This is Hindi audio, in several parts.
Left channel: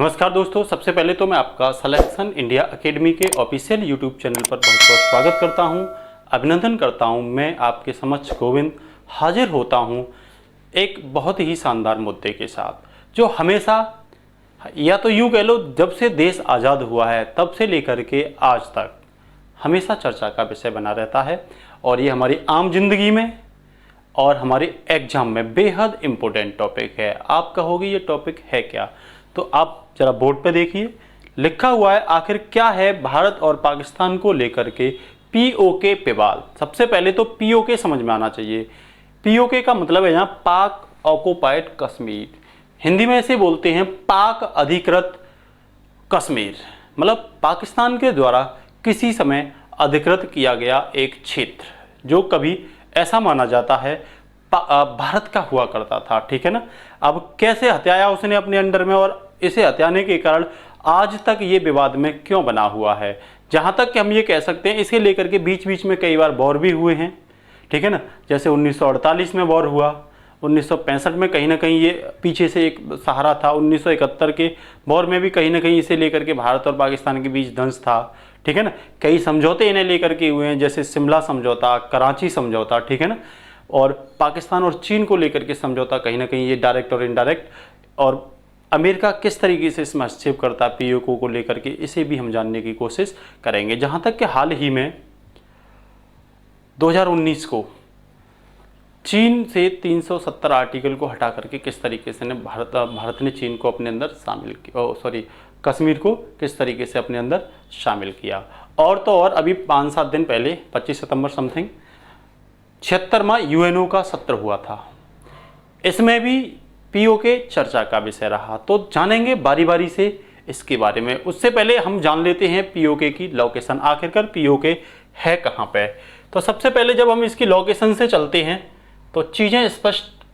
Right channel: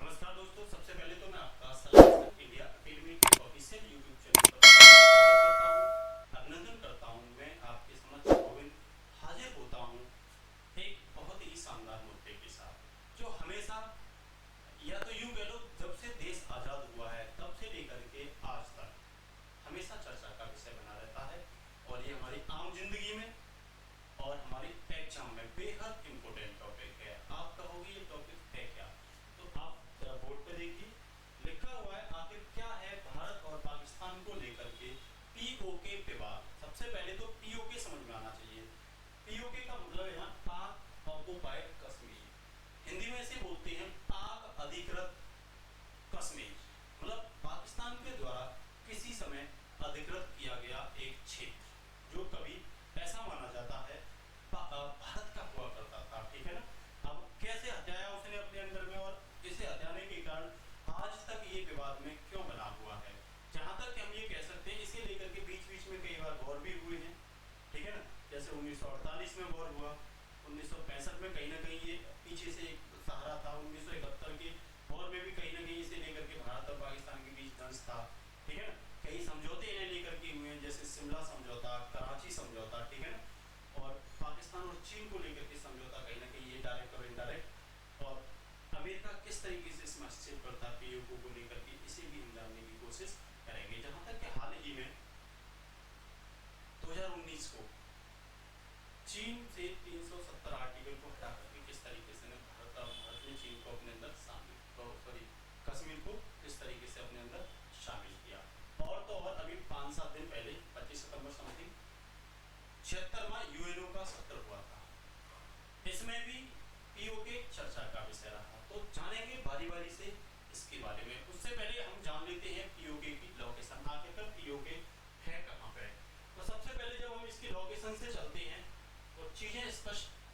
नमस्कार दोस्तों, सबसे पहले तो मैं आपका सिलेक्शन इंडिया एकेडमी के ऑफिशियल यूट्यूब चैनल पर बहुत बहुत स्वागत करता हूं, अभिनंदन करता हूं। मैं आपके समक्ष गोविंद हाजिर होता हूं एक बहुत ही शानदार मुद्दे के साथ, जो हमेशा या तो यूँ कह लो जब से देश आज़ाद हुआ है तब से लेकर के आज तक हमेशा चर्चा का विषय बना रहता है। और ये हमारी आम जिंदगी में और हमारे एग्जाम में बेहद इम्पोर्टेंट टॉपिक है। आप कहोगे ये टॉपिक है क्या, तो आप जरा बोर्ड पे देखिए, लिखा हुआ है आखिर क्या है भारत और पाकिस्तान को लेकर के पीओके विवाद। सबसे पहले तो पीओके समझ में आना चाहिए। पीओके का मतलब है यहाँ पाक ऑक्युपाइड कश्मीर, हिंदी में इसे बोलते हैं पाक अधिकृत कश्मीर, मतलब पाकिस्तान के द्वारा किसी समय अधिकृत किया गया एक क्षेत्र जो कभी ऐसा माना जाता है भारत का हुआ करता था। ठीक है ना। अब कैसे हत्याया उसने अपने अंडर में, और इसे हत्याने के कारण आज तक ये विवाद में क्यों बना हुआ है। जहां तक कि हम ये कह सकते हैं इसे लेकर के बीच बीच में कई बार वॉर भी हुए हैं। ठीक है ना। जैसे 1948 में वॉर हुआ, 1965 में कहीं ना कहीं ये पीछे से एक सहारा था, 1971 के वॉर में भी कहीं ना कहीं इसे लेकर के भारत और पाकिस्तान के बीच दंश था। ठीक है ना। कई समझौते इन्हें लेकर के हुए हैं, जैसे शिमला समझौता, कराची समझौता। ठीक है ना। और पाकिस्तान और चीन को लेकर के समझौता, कहीं ना कहीं ये डायरेक्ट और इनडायरेक्ट, और अमेरिका किस तरीके से इसमें हस्तक्षेप करता है पीओके को लेकर के, इसे भी हम जानने की कोशिश करेंगे। जहां तक कि हाल ही में 2019 को चीन से 370 आर्टिकल को हटा करके किस तरीके से भारत ने चीन को अपने अंदर शामिल किया, कश्मीर को किस तरीके से अपने अंदर शामिल किया। और तो और अभी 5-7 दिन पहले 25 सितंबर समथिंग 76वां यूएनओ का सत्र हुआ था, इसमें भी पीओके चर्चा का विषय रहा। तो जानेंगे बारी बारी से इसके बारे में। उससे पहले हम जान लेते हैं पीओके की लोकेशन, आखिरकार पीओके है कहाँ पे। तो सबसे पहले जब हम इसकी लोकेशन से चलते हैं तो चीज़ें स्पष्ट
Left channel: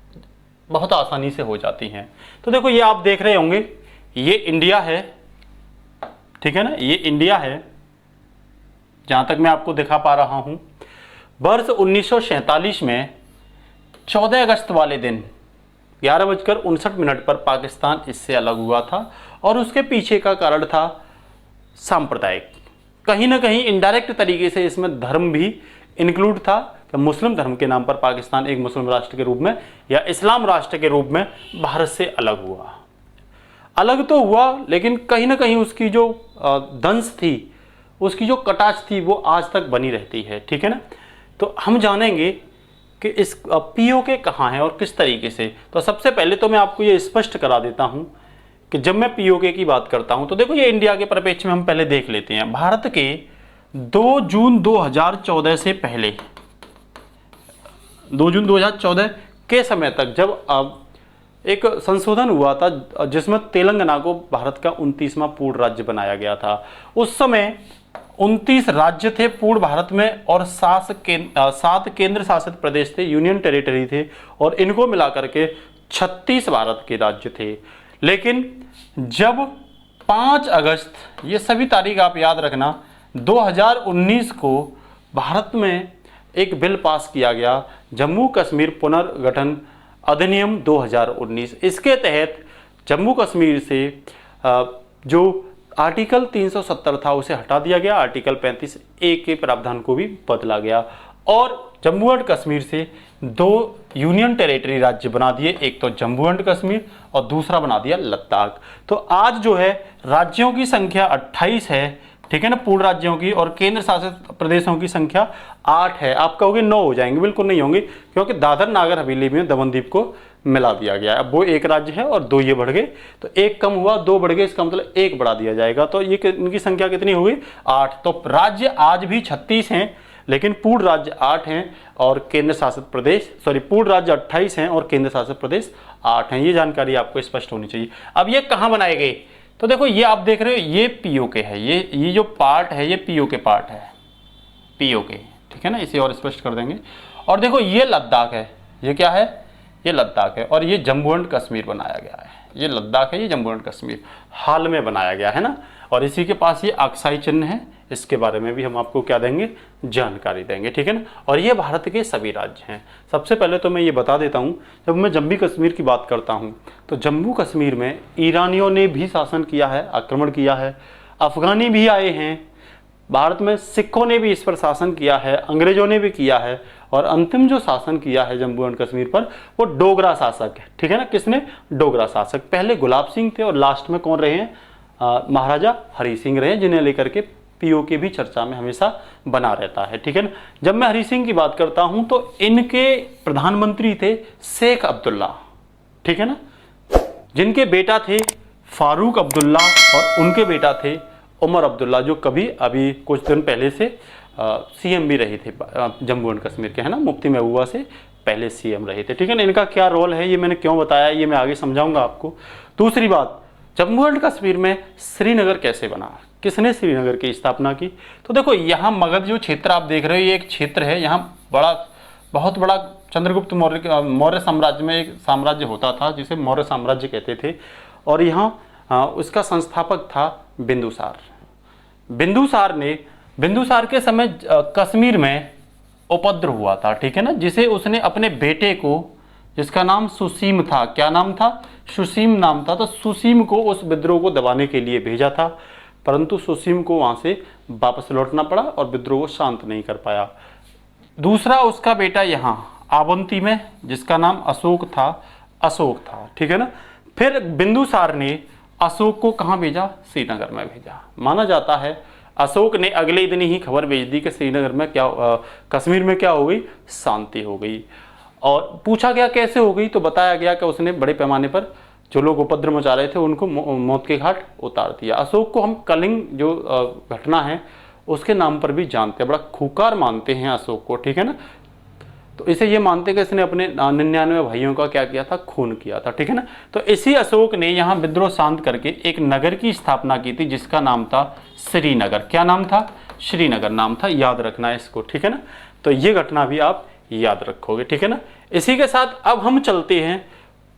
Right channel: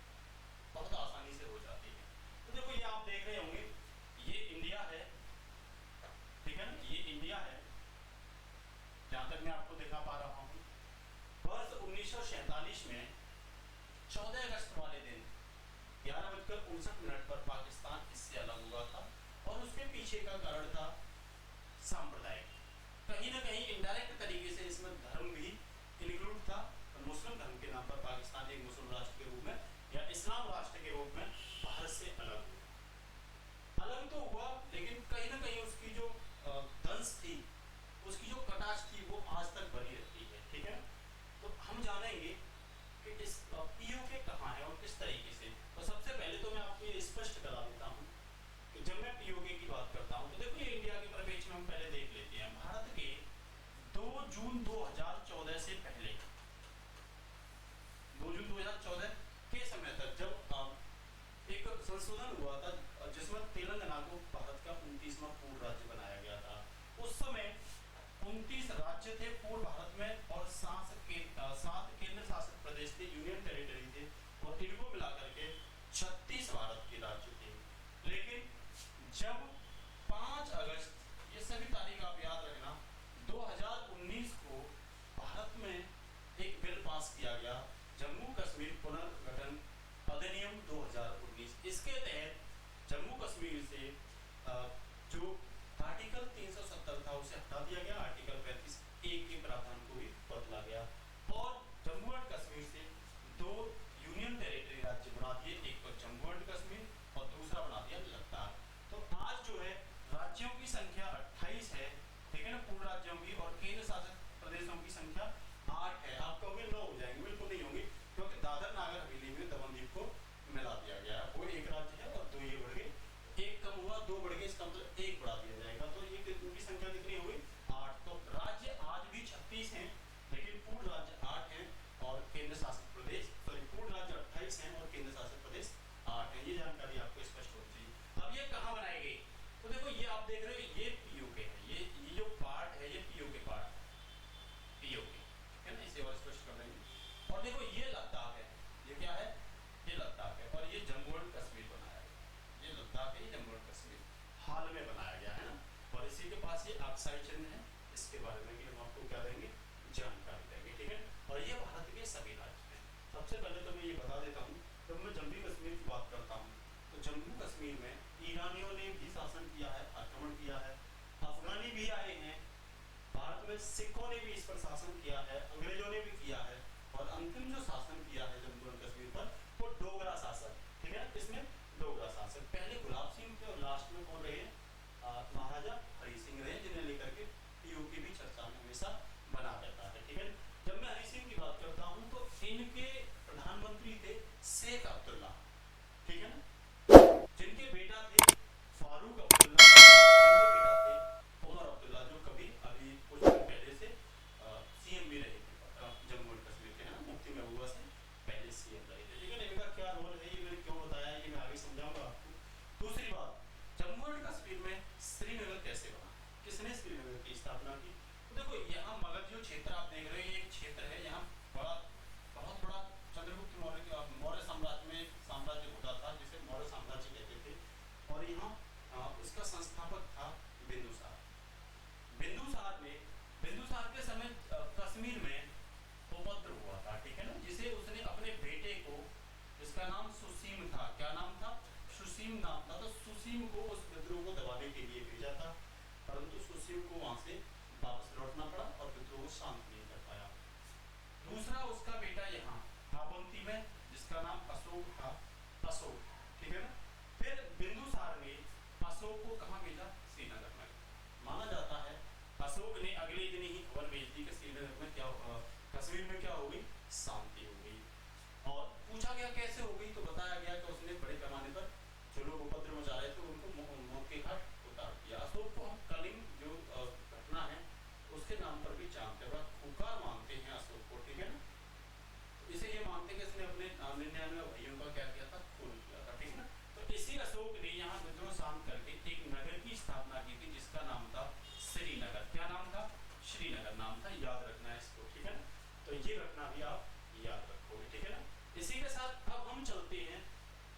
बहुत आसानी से हो जाती हैं। तो देखो, ये आप देख रहे होंगे, ये इंडिया है। ठीक है ना, ये इंडिया है जहाँ तक मैं आपको दिखा पा रहा हूँ। वर्ष 1947 में 14 अगस्त वाले दिन 11:59 पर पाकिस्तान इससे अलग हुआ था, और उसके पीछे का कारण था सांप्रदायिक, कहीं ना कहीं इनडायरेक्ट तरीके से इसमें धर्म भी इंक्लूड था कि मुस्लिम धर्म के नाम पर पाकिस्तान एक मुस्लिम राष्ट्र के रूप में या इस्लाम राष्ट्र के रूप में भारत से अलग हुआ। अलग तो हुआ, लेकिन कहीं ना कहीं उसकी जो दंश थी, उसकी जो कटाच थी, वो आज तक बनी रहती है। ठीक है ना। तो हम जानेंगे कि इस पीओके कहाँ है और किस तरीके से। तो सबसे पहले तो मैं आपको ये स्पष्ट करा देता हूँ कि जब मैं पीओके की बात करता हूँ तो देखो, ये इंडिया के परिप्रेक्ष्य में हम पहले देख लेते हैं। भारत के 2 जून 2014 से पहले, 2 जून 2014 के समय तक, जब एक संशोधन हुआ था जिसमें तेलंगाना को भारत का 29वां पूर्ण राज्य बनाया गया था। उस समय 29 राज्य थे पूर्ण भारत में, और 7 केंद्र शासित प्रदेश थे, यूनियन टेरिटरी थे, और इनको मिलाकर के 36 भारत के राज्य थे। लेकिन जब 5 अगस्त, ये सभी तारीख आप याद रखना, 2019 को भारत में एक बिल पास किया गया, जम्मू कश्मीर पुनर्गठन अधिनियम 2019। इसके तहत जम्मू कश्मीर से जो आर्टिकल 370 था उसे हटा दिया गया, आर्टिकल 35A के प्रावधान को भी बदला गया, और जम्मू एंड कश्मीर से 2 यूनियन टेरिटरी राज्य बना दिए, एक तो जम्मू एंड कश्मीर और दूसरा बना दिया लद्दाख। तो आज जो है राज्यों की संख्या 28 है। ठीक है ना, पूर्ण राज्यों की, और केंद्र शासित प्रदेशों की संख्या 8 है। आप कहोगे 9 हो जाएंगे, बिल्कुल नहीं होंगे, क्योंकि दादर नागर हवेली में दमनदीप को मिला दिया गया है। अब वो एक राज्य है और 2 ये बढ़ गए, तो एक कम हुआ, 2 बढ़ गए, इसका मतलब 1 बढ़ा दिया जाएगा। तो ये इनकी संख्या कितनी हुई? 8। तो राज्य आज भी 36 हैं, लेकिन पूर्ण राज्य 8 हैं और केंद्र शासित प्रदेश, पूर्ण राज्य 28 हैं और केंद्र शासित प्रदेश 8 हैं। ये जानकारी आपको स्पष्ट होनी चाहिए। अब ये कहाँ बनाए गए? तो देखो, ये आप देख रहे हो, ये पीओके है, ये जो पार्ट है ये पीओके पार्ट है, पीओके। ठीक है ना, इसे और स्पष्ट कर देंगे। और देखो, ये लद्दाख है, ये क्या है? ये लद्दाख है, और ये जम्मू एंड कश्मीर बनाया गया है। ये लद्दाख है, ये जम्मू एंड कश्मीर हाल में बनाया गया है ना। और इसी के पास ये अक्साई चिन्ह है, इसके बारे में भी हम आपको क्या देंगे, जानकारी देंगे, ठीक है ना। और ये भारत के सभी राज्य हैं। सबसे पहले तो मैं ये बता देता हूँ, जब मैं जम्मू कश्मीर की बात करता हूँ तो जम्मू कश्मीर में ईरानियों ने भी शासन किया है, आक्रमण किया है, अफगानी भी आए हैं, भारत में सिखों ने भी इस पर शासन किया है, अंग्रेजों ने भी किया है, और अंतिम जो शासन किया है जम्मू एंड कश्मीर पर वो डोगरा शासक है, ठीक है ना। किसने, डोगरा शासक। पहले गुलाब सिंह थे और लास्ट में कौन रहे हैं, महाराजा हरि सिंह रहे, जिन्हें लेकर के पीओके भी चर्चा में हमेशा बना रहता है, ठीक है ना। जब मैं हरि सिंह की बात करता हूं तो इनके प्रधानमंत्री थे शेख अब्दुल्ला, ठीक है ना, जिनके बेटा थे फारूक अब्दुल्ला और उनके बेटा थे उमर अब्दुल्ला, जो कभी अभी कुछ दिन पहले से सीएम भी रहे थे जम्मू एंड कश्मीर के, है ना, मुफ्ती महबूबा से पहले सीएम रहे थे, ठीक है ना। इनका क्या रोल है ये मैंने क्यों बताया, ये मैं आगे समझाऊंगा आपको। दूसरी बात, जम्मू एंड कश्मीर में श्रीनगर कैसे बना, किसने श्रीनगर की स्थापना की। तो देखो यहाँ मगध जो क्षेत्र आप देख रहे हो, ये एक क्षेत्र है, यहाँ बहुत बड़ा चंद्रगुप्त मौर्य साम्राज्य में एक साम्राज्य होता था जिसे मौर्य साम्राज्य कहते थे, और यहाँ उसका संस्थापक था बिंदुसार। बिंदुसार के समय कश्मीर में उपद्रव हुआ था, ठीक है ना, जिसे उसने अपने बेटे को, जिसका नाम सुसीम था, क्या नाम था, सुसीम नाम था, तो सुसीम को उस विद्रोह को दबाने के लिए भेजा था, परंतु सुसीम को वहां से वापस लौटना पड़ा और विद्रोह को शांत नहीं कर पाया। दूसरा उसका बेटा यहाँ आवंती में, जिसका नाम अशोक था, ठीक है ना। फिर बिंदुसार ने अशोक को कहाँ भेजा, श्रीनगर में भेजा। माना जाता है अशोक ने अगले दिन ही खबर भेज दी कि श्रीनगर में कश्मीर में क्या हो गई, शांति हो गई। और पूछा गया कैसे हो गई, तो बताया गया कि उसने बड़े पैमाने पर जो लोग उपद्रव मचा रहे थे उनको मौत के घाट उतार दिया। अशोक को हम कलिंग जो घटना है उसके नाम पर भी जानते हैं, बड़ा खूंखार मानते हैं अशोक को, ठीक है ना। तो इसे ये मानते हैं कि इसने अपने 99 भाइयों का क्या किया था, खून किया था, ठीक है ना। तो इसी अशोक ने यहाँ विद्रोह शांत करके एक नगर की स्थापना की थी जिसका नाम था श्रीनगर। क्या नाम था, श्रीनगर नाम था, याद रखना है इसको, ठीक है ना। तो ये घटना भी आप याद रखोगे, ठीक है ना। इसी के साथ अब हम चलते हैं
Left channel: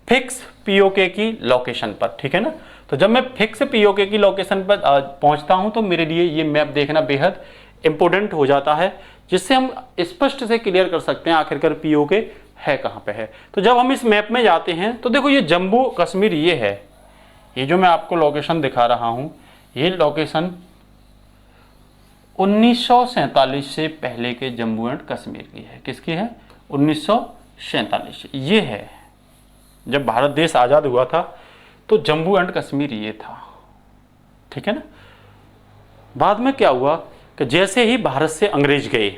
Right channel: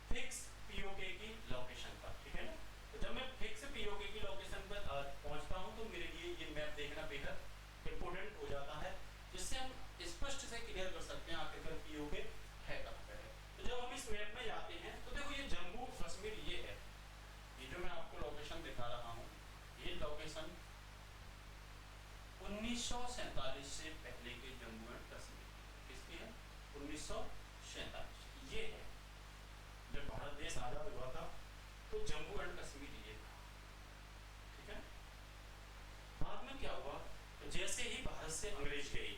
फिक्स पीओके की लोकेशन पर, ठीक है ना। तो जब मैं फिक्स पीओके की लोकेशन पर पहुंचता हूं तो मेरे लिए ये मैप देखना बेहद इंपॉर्टेंट हो जाता है, जिससे हम स्पष्ट से क्लियर कर सकते हैं आखिरकार पीओके है कहां पे है। तो जब हम इस मैप में जाते हैं तो देखो ये जम्मू कश्मीर ये है, ये जो मैं आपको लोकेशन दिखा रहा हूं, ये लोकेशन 1947 से पहले के जम्मू एंड कश्मीर की है। किसकी है, 1947। ये है जब भारत देश आजाद हुआ था तो जम्मू एंड कश्मीर ये था, ठीक है ना। बाद में क्या हुआ कि जैसे ही भारत से अंग्रेज गए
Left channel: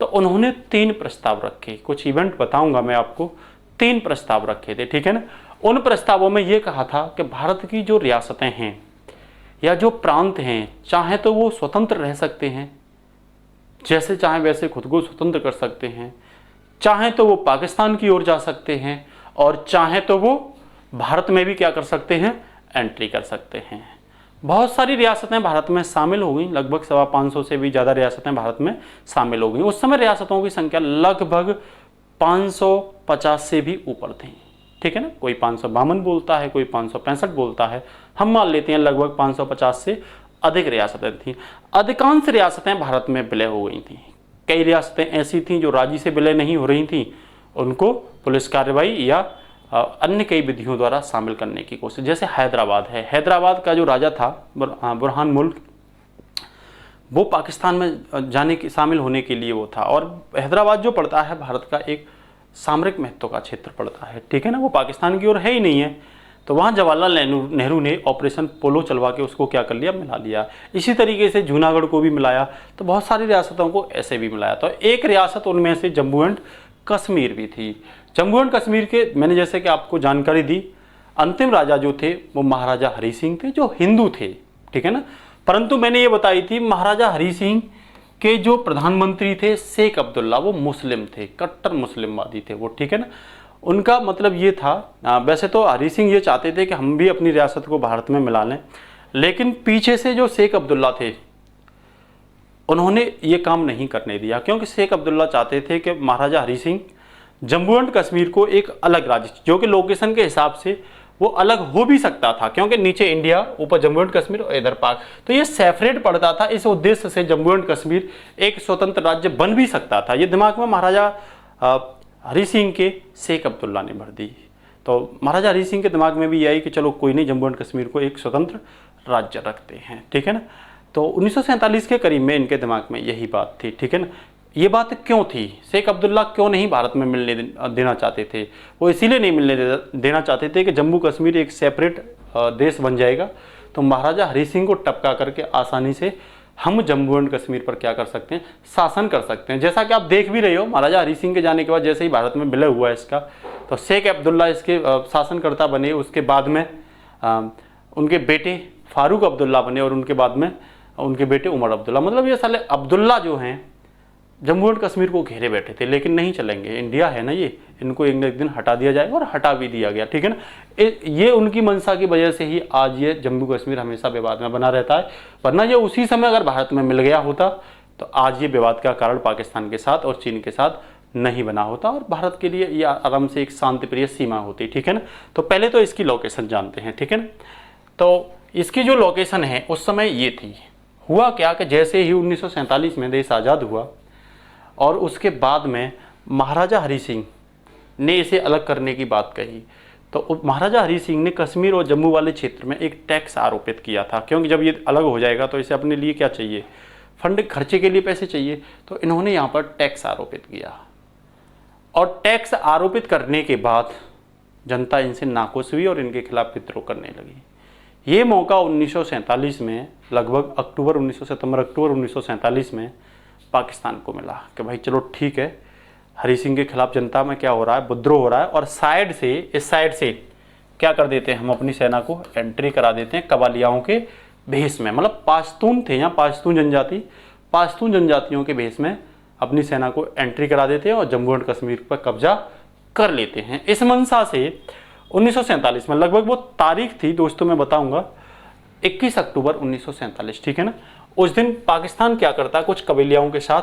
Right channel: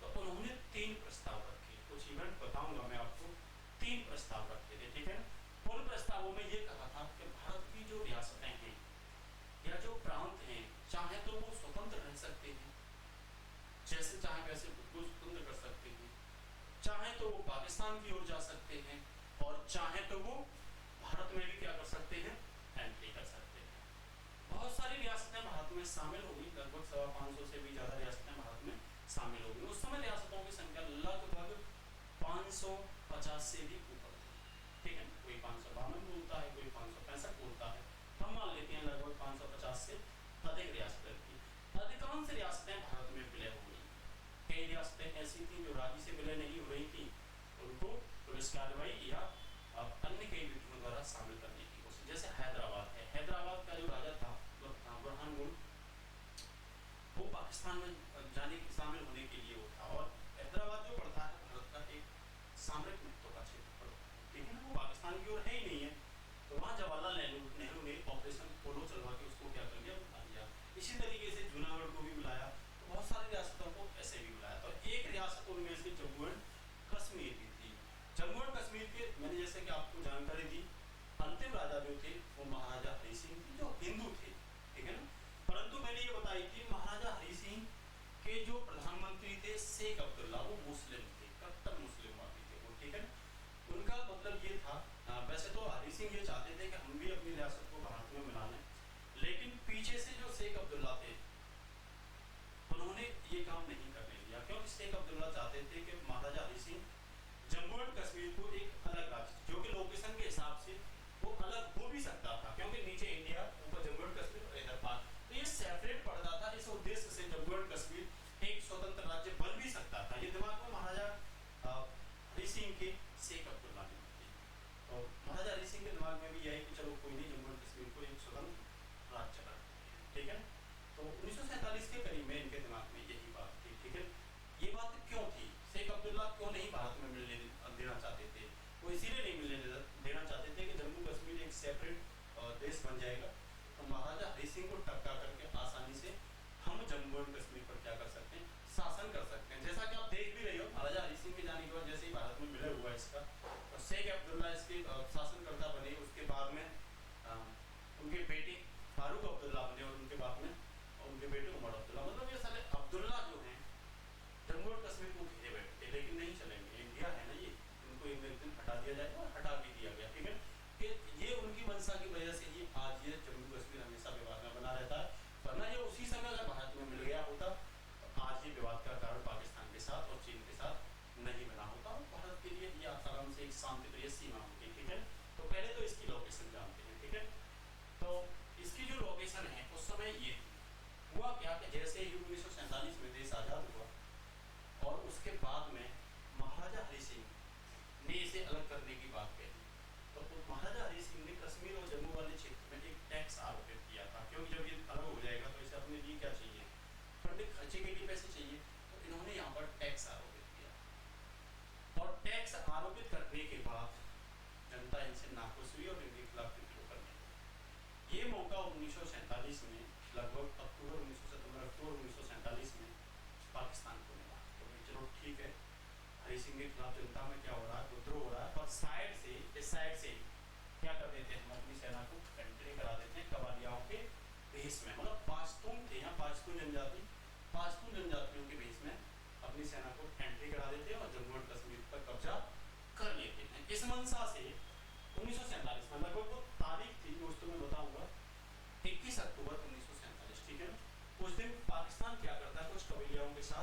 तो उन्होंने 3 प्रस्ताव रखे, कुछ इवेंट बताऊंगा मैं आपको, 3 प्रस्ताव रखे थे, ठीक है ना। उन प्रस्तावों में यह कहा था कि भारत की जो रियासतें हैं या जो प्रांत हैं, चाहे तो वो स्वतंत्र रह सकते हैं, जैसे चाहे वैसे खुद को स्वतंत्र कर सकते हैं, चाहे तो वो पाकिस्तान की ओर जा सकते हैं, और चाहे तो वो भारत में भी क्या कर सकते हैं, एंट्री कर सकते हैं। बहुत सारी रियासतें भारत में शामिल हो गई, लगभग 550 से भी ज़्यादा रियासतें भारत में शामिल हो गई। उस समय रियासतों की संख्या लगभग 550 से भी ऊपर थी, ठीक है ना। कोई 552 बोलता है, कोई 565 बोलता है, हम मान लेते हैं लगभग 550 से अधिक रियासतें थीं। अधिकांश रियासतें भारत में विलय हो गई थीं। कई रियासतें ऐसी थीं जो राजी से विलय नहीं हो रही थीं, उनको पुलिस कार्रवाई या अन्य कई विधियों द्वारा शामिल करने की कोशिश। जैसे हैदराबाद है, हैदराबाद का जो राजा था बुरहान मुल्क, वो पाकिस्तान में जाने की शामिल होने के लिए वो था। और हैदराबाद जो पड़ता है भारत का एक सामरिक महत्व का क्षेत्र पड़ता है, ठीक है ना, वो पाकिस्तान की ओर है ही नहीं है। तो वहाँ जवाहरलाल नेहरू ने ऑपरेशन पोलो चलवा के उसको क्या कर लिया, मिला लिया। इसी तरीके से जूनागढ़ को भी मिलाया, तो बहुत सारी रियासतों को ऐसे भी मिलाया। तो एक रियासत उनमें से जम्मू एंड कश्मीर भी थी। जम्मू एंड कश्मीर के मैंने जैसे कि आपको जानकारी दी, अंतिम राजा जो थे वो महाराजा हरि सिंह थे, जो हिंदू थे, ठीक है ना। परंतु मैंने ये बताई थी महाराजा हरि सिंह के जो प्रधानमंत्री थे शेख अब्दुल्ला, वो मुस्लिम थे, कट्टर मुस्लिमवादी थे वो, ठीक है ना। उनका मतलब ये था, वैसे तो हरि सिंह ये चाहते थे कि हम भी अपनी रियासत को भारत में मिला लें, लेकिन पीछे से जो शेख अब्दुल्ला थे उन्होंने ये काम नहीं करने दिया, क्योंकि शेख अब्दुल्ला चाहते थे कि महाराजा हरि सिंह जम्मू एंड कश्मीर को एक अलग राज्य, जो कि लोकेशन के हिसाब से वो अलग हो भी सकता था, क्योंकि नीचे इंडिया, ऊपर जम्मू एंड कश्मीर और इधर पाक, तो ये सेपरेट पड़ता था। इस उद्देश्य से जम्मू एंड कश्मीर एक स्वतंत्र राज्य बन भी सकता था। ये दिमाग में महाराजा हरि सिंह के शेख अब्दुल्ला ने भर दी। तो महाराजा हरि सिंह के दिमाग में भी यह आई कि चलो कोई नहीं, जम्मू एंड कश्मीर को एक स्वतंत्र राज्य रखते हैं, ठीक है ना। तो 1947 के करीब में इनके दिमाग में यही बात थी, ठीक है ना। ये बात क्यों थी, शेख अब्दुल्ला क्यों नहीं भारत में मिलने देना चाहते थे? वो इसीलिए नहीं मिलने देना चाहते थे कि जम्मू कश्मीर एक सेपरेट देश बन जाएगा, तो महाराजा हरि सिंह को टपका करके आसानी से हम जम्मू एंड कश्मीर पर क्या कर सकते हैं, शासन कर सकते हैं। जैसा कि आप देख भी रहे हो, महाराजा हरि सिंह के जाने के बाद जैसे ही भारत में विलय हुआ है इसका, तो शेख अब्दुल्ला इसके शासनकर्ता बने। उसके बाद में उनके बेटे फारूक अब्दुल्ला बने और उनके बाद में उनके बेटे उमर अब्दुल्ला। मतलब ये साले अब्दुल्ला जो हैं जम्मू एंड कश्मीर को घेरे बैठे थे, लेकिन नहीं चलेंगे, इंडिया है ना ये, इनको एक दिन हटा दिया जाएगा, और हटा भी दिया गया, ठीक है ना। ये उनकी मंशा की वजह से ही आज ये जम्मू कश्मीर हमेशा विवाद में बना रहता है। वरना ये उसी समय अगर भारत में मिल गया होता तो आज ये विवाद का कारण पाकिस्तान के साथ और चीन के साथ नहीं बना होता, और भारत के लिए ये आराम से एक शांतिप्रिय सीमा होती, ठीक है ना। तो पहले तो इसकी लोकेशन जानते हैं, ठीक है ना। तो इसकी जो लोकेशन है उस समय ये थी। हुआ क्या कि जैसे ही 1947 में देश आज़ाद हुआ और उसके बाद में महाराजा हरि सिंह ने इसे अलग करने की बात कही, तो महाराजा हरि सिंह ने कश्मीर और जम्मू वाले क्षेत्र में एक टैक्स आरोपित किया था, क्योंकि जब ये अलग हो जाएगा तो इसे अपने लिए क्या चाहिए, फंड खर्चे के लिए पैसे चाहिए। तो इन्होंने यहाँ पर टैक्स आरोपित किया, और टैक्स आरोपित करने के बाद जनता इनसे नाखुश हुई और इनके खिलाफ विद्रोह करने लगी। ये मौका 1947 में लगभग सितंबर अक्टूबर 1947 में पाकिस्तान को मिला कि भाई चलो ठीक है, हरि सिंह के खिलाफ जनता में क्या हो रहा है, विद्रोह हो रहा है, और साइड से, इस साइड से क्या कर देते हैं, हम अपनी सेना को एंट्री करा देते हैं कबालियाओं के भेष में। मतलब पाश्तून थे यहाँ, पाश्तून जनजाति, पाश्तून जनजातियों के भेष में अपनी सेना को एंट्री करा देते हैं और जम्मू एंड कश्मीर पर कब्जा कर लेते हैं। इस मंशा से 1947 में, लगभग वो तारीख थी दोस्तों मैं बताऊंगा, 21 अक्टूबर 1947, ठीक है ना। उस दिन पाकिस्तान क्या करता है, कुछ कबीलियाओं के साथ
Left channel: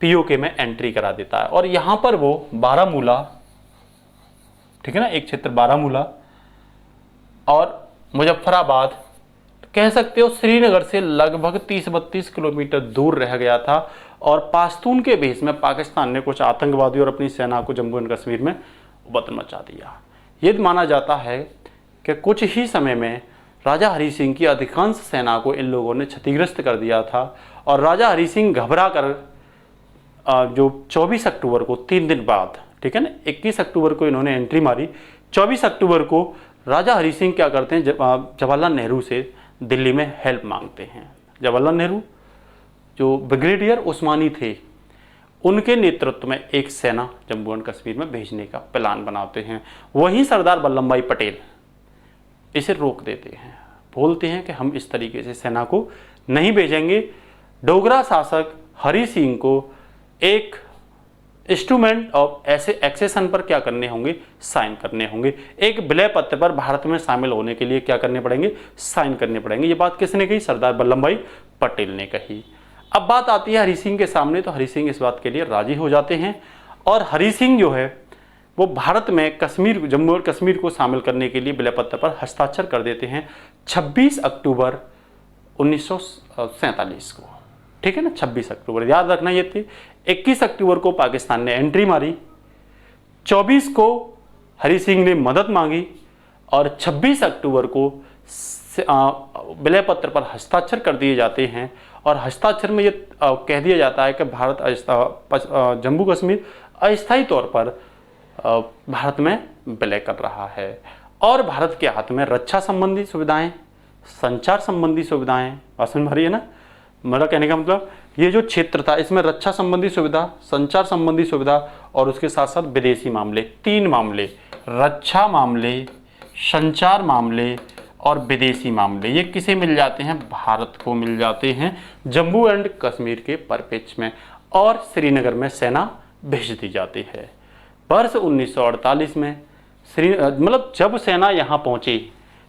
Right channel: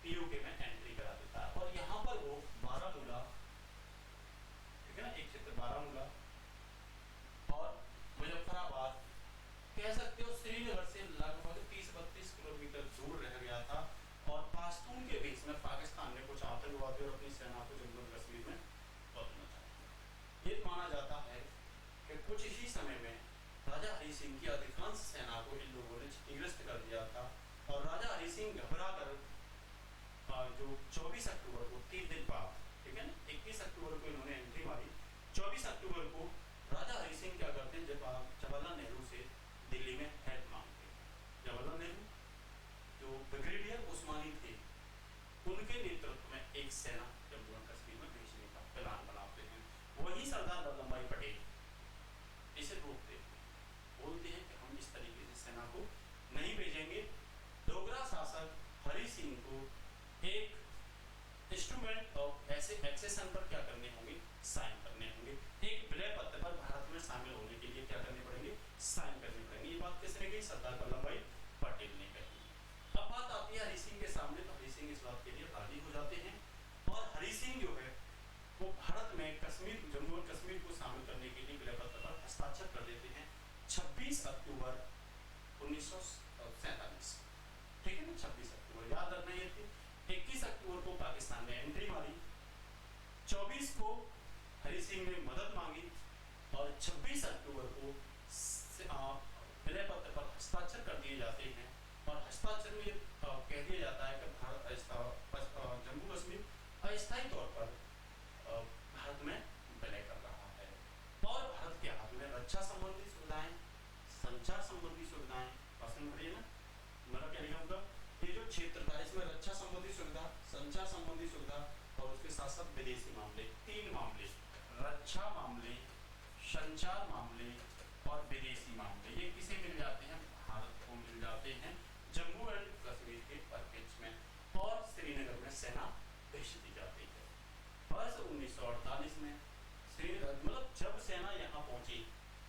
पीओके में एंट्री करा देता है, और यहां पर वो बारामूला, ठीक है ना, एक क्षेत्र बारामूला और मुजफ्फराबाद, कह सकते हो श्रीनगर से लगभग 30-32 किलोमीटर दूर रह गया था, और पाश्तून के भेष में पाकिस्तान ने कुछ आतंकवादी और अपनी सेना को जम्मू एंड कश्मीर में उबत मचा दिया। ये माना जाता है कि कुछ ही समय में राजा हरि सिंह की अधिकांश सेना को इन लोगों ने क्षतिग्रस्त कर दिया था, और राजा हरि सिंह घबरा कर जो 24 अक्टूबर को, 3 दिन बाद, ठीक है ना, 21 अक्टूबर को इन्होंने एंट्री मारी, 24 अक्टूबर को राजा हरि सिंह क्या करते हैं, जवाहरलाल नेहरू से दिल्ली में हेल्प मांगते हैं। जवाहरलाल नेहरू जो ब्रिगेडियर उस्मानी थे, उनके नेतृत्व में एक सेना जम्मू एंड कश्मीर में भेजने का प्लान बनाते हैं। वहीं सरदार वल्लभ भाई पटेल इसे रोक देते हैं, बोलते हैं कि हम इस तरीके से सेना को नहीं भेजेंगे। डोगरा शासक हरि सिंह को एक इंस्ट्रूमेंट ऑफ ऐसे एक्सेशन पर क्या करने होंगे, साइन करने होंगे। एक विलय पत्र पर भारत में शामिल होने के लिए क्या करने पड़ेंगे, साइन करने पड़ेंगे। ये बात किसने कही, सरदार वल्लभ भाई पटेल ने कही। अब बात आती है हरि सिंह के सामने, तो हरि सिंह इस बात के लिए राजी हो जाते हैं, और हरि सिंह जो है वो भारत में कश्मीर, जम्मू और कश्मीर को शामिल करने के लिए विलय पत्र पर हस्ताक्षर कर देते हैं 26 अक्टूबर 1947 को, ठीक है ना, 26 अक्टूबर याद रखना ये थी। 21 अक्टूबर को पाकिस्तान ने एंट्री मारी, 24 को हरि सिंह ने मदद मांगी, और 26 अक्टूबर को विलय पत्र पर हस्ताक्षर कर दिए जाते हैं। और हस्ताक्षर में ये कह दिया जाता है कि भारत जम्मू कश्मीर अस्थायी तौर पर भारत में विलय कर रहा है, और भारत के हाथ में रक्षा संबंधी सुविधाएं, संचार संबंधी सुविधाएं, बात समझ में आ रही है ना। मेरा कहने का मतलब ये जो क्षेत्र था इसमें रक्षा संबंधी सुविधा, संचार संबंधी सुविधा और उसके साथ साथ विदेशी मामले, 3 मामले, रक्षा मामले, संचार मामले और विदेशी मामले, ये किसे मिल जाते हैं, भारत को मिल जाते हैं जम्मू एंड कश्मीर के परिप्रेक्ष्य में, और श्रीनगर में सेना भेज दी जाती है। वर्ष 1948 में मतलब जब सेना यहाँ पहुंची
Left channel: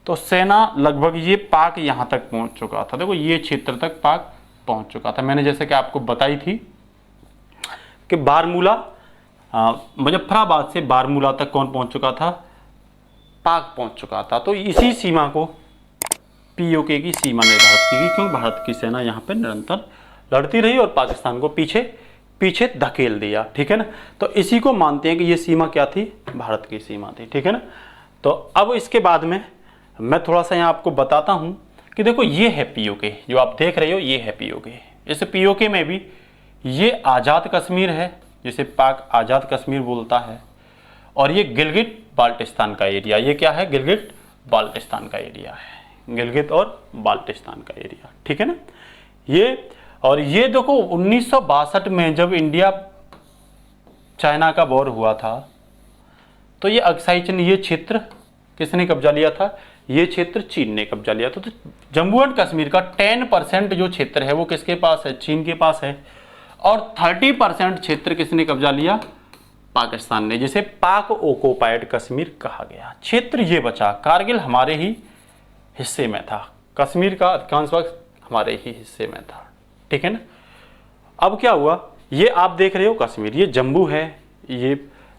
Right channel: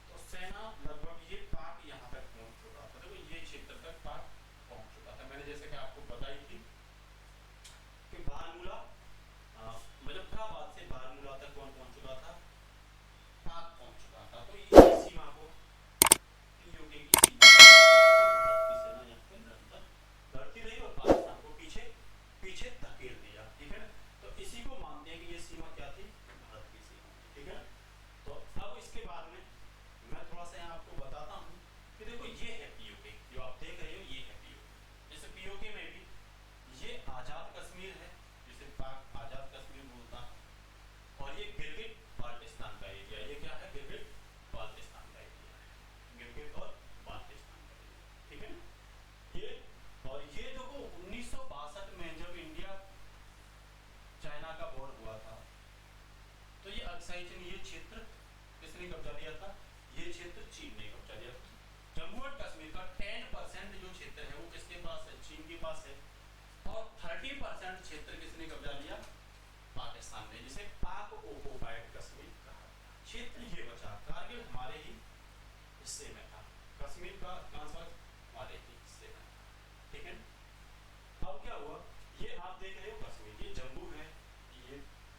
तो सेना लगभग ये पाक यहाँ तक पहुंच चुका था। देखो ये क्षेत्र तक पाक पहुंच चुका था। मैंने जैसे कि आपको बताई थी कि बारमूला, मुजफ्फराबाद से बारमूला तक कौन पहुंच चुका था, पाक पहुंच चुका था। तो इसी सीमा को पीओके की सीमा निर्धारित की गई, क्यों भारत की सेना यहाँ पे निरंतर लड़ती रही और पाकिस्तान को पीछे पीछे धकेल दिया, ठीक है ना। तो इसी को मानते हैं कि ये सीमा क्या थी, भारत की सीमा थी, ठीक है ना। तो अब इसके बाद में मैं थोड़ा सा यहाँ आपको बताता हूँ कि देखो ये है पीओके, जो आप देख रहे हो ये है पीओके। इस पीओके में भी ये आज़ाद कश्मीर है, जिसे पाक आज़ाद कश्मीर बोलता है, और ये गिलगित बाल्टिस्तान का एरिया, ये क्या है, गिलगित बाल्टिस्तान का एरिया है, गिलगित और बाल्टिस्तान का एरिया, ठीक है ना। ये और ये देखो 1962 में जब इंडिया चाइना का वॉर हुआ था, तो ये अक्साई चिन, ये क्षेत्र किसने कब्जा लिया था, ये क्षेत्र चीन ने कब्जा लिया था। तो जम्मू एंड कश्मीर का 10% जो क्षेत्र है वो किसके पास है, चीन के पास है, और 30% क्षेत्र किसने कब्जा लिया, पाकिस्तान ने, जिसे पाक ऑक्युपाइड कश्मीर कहा गया। क्षेत्र ये बचा, कारगिल हमारे ही हिस्से में था, कश्मीर का अधिकांश वक्त हमारे ही हिस्से में था, ठीक है ना। अब क्या हुआ, ये आप देख रहे हो कश्मीर, ये जम्मू है, ये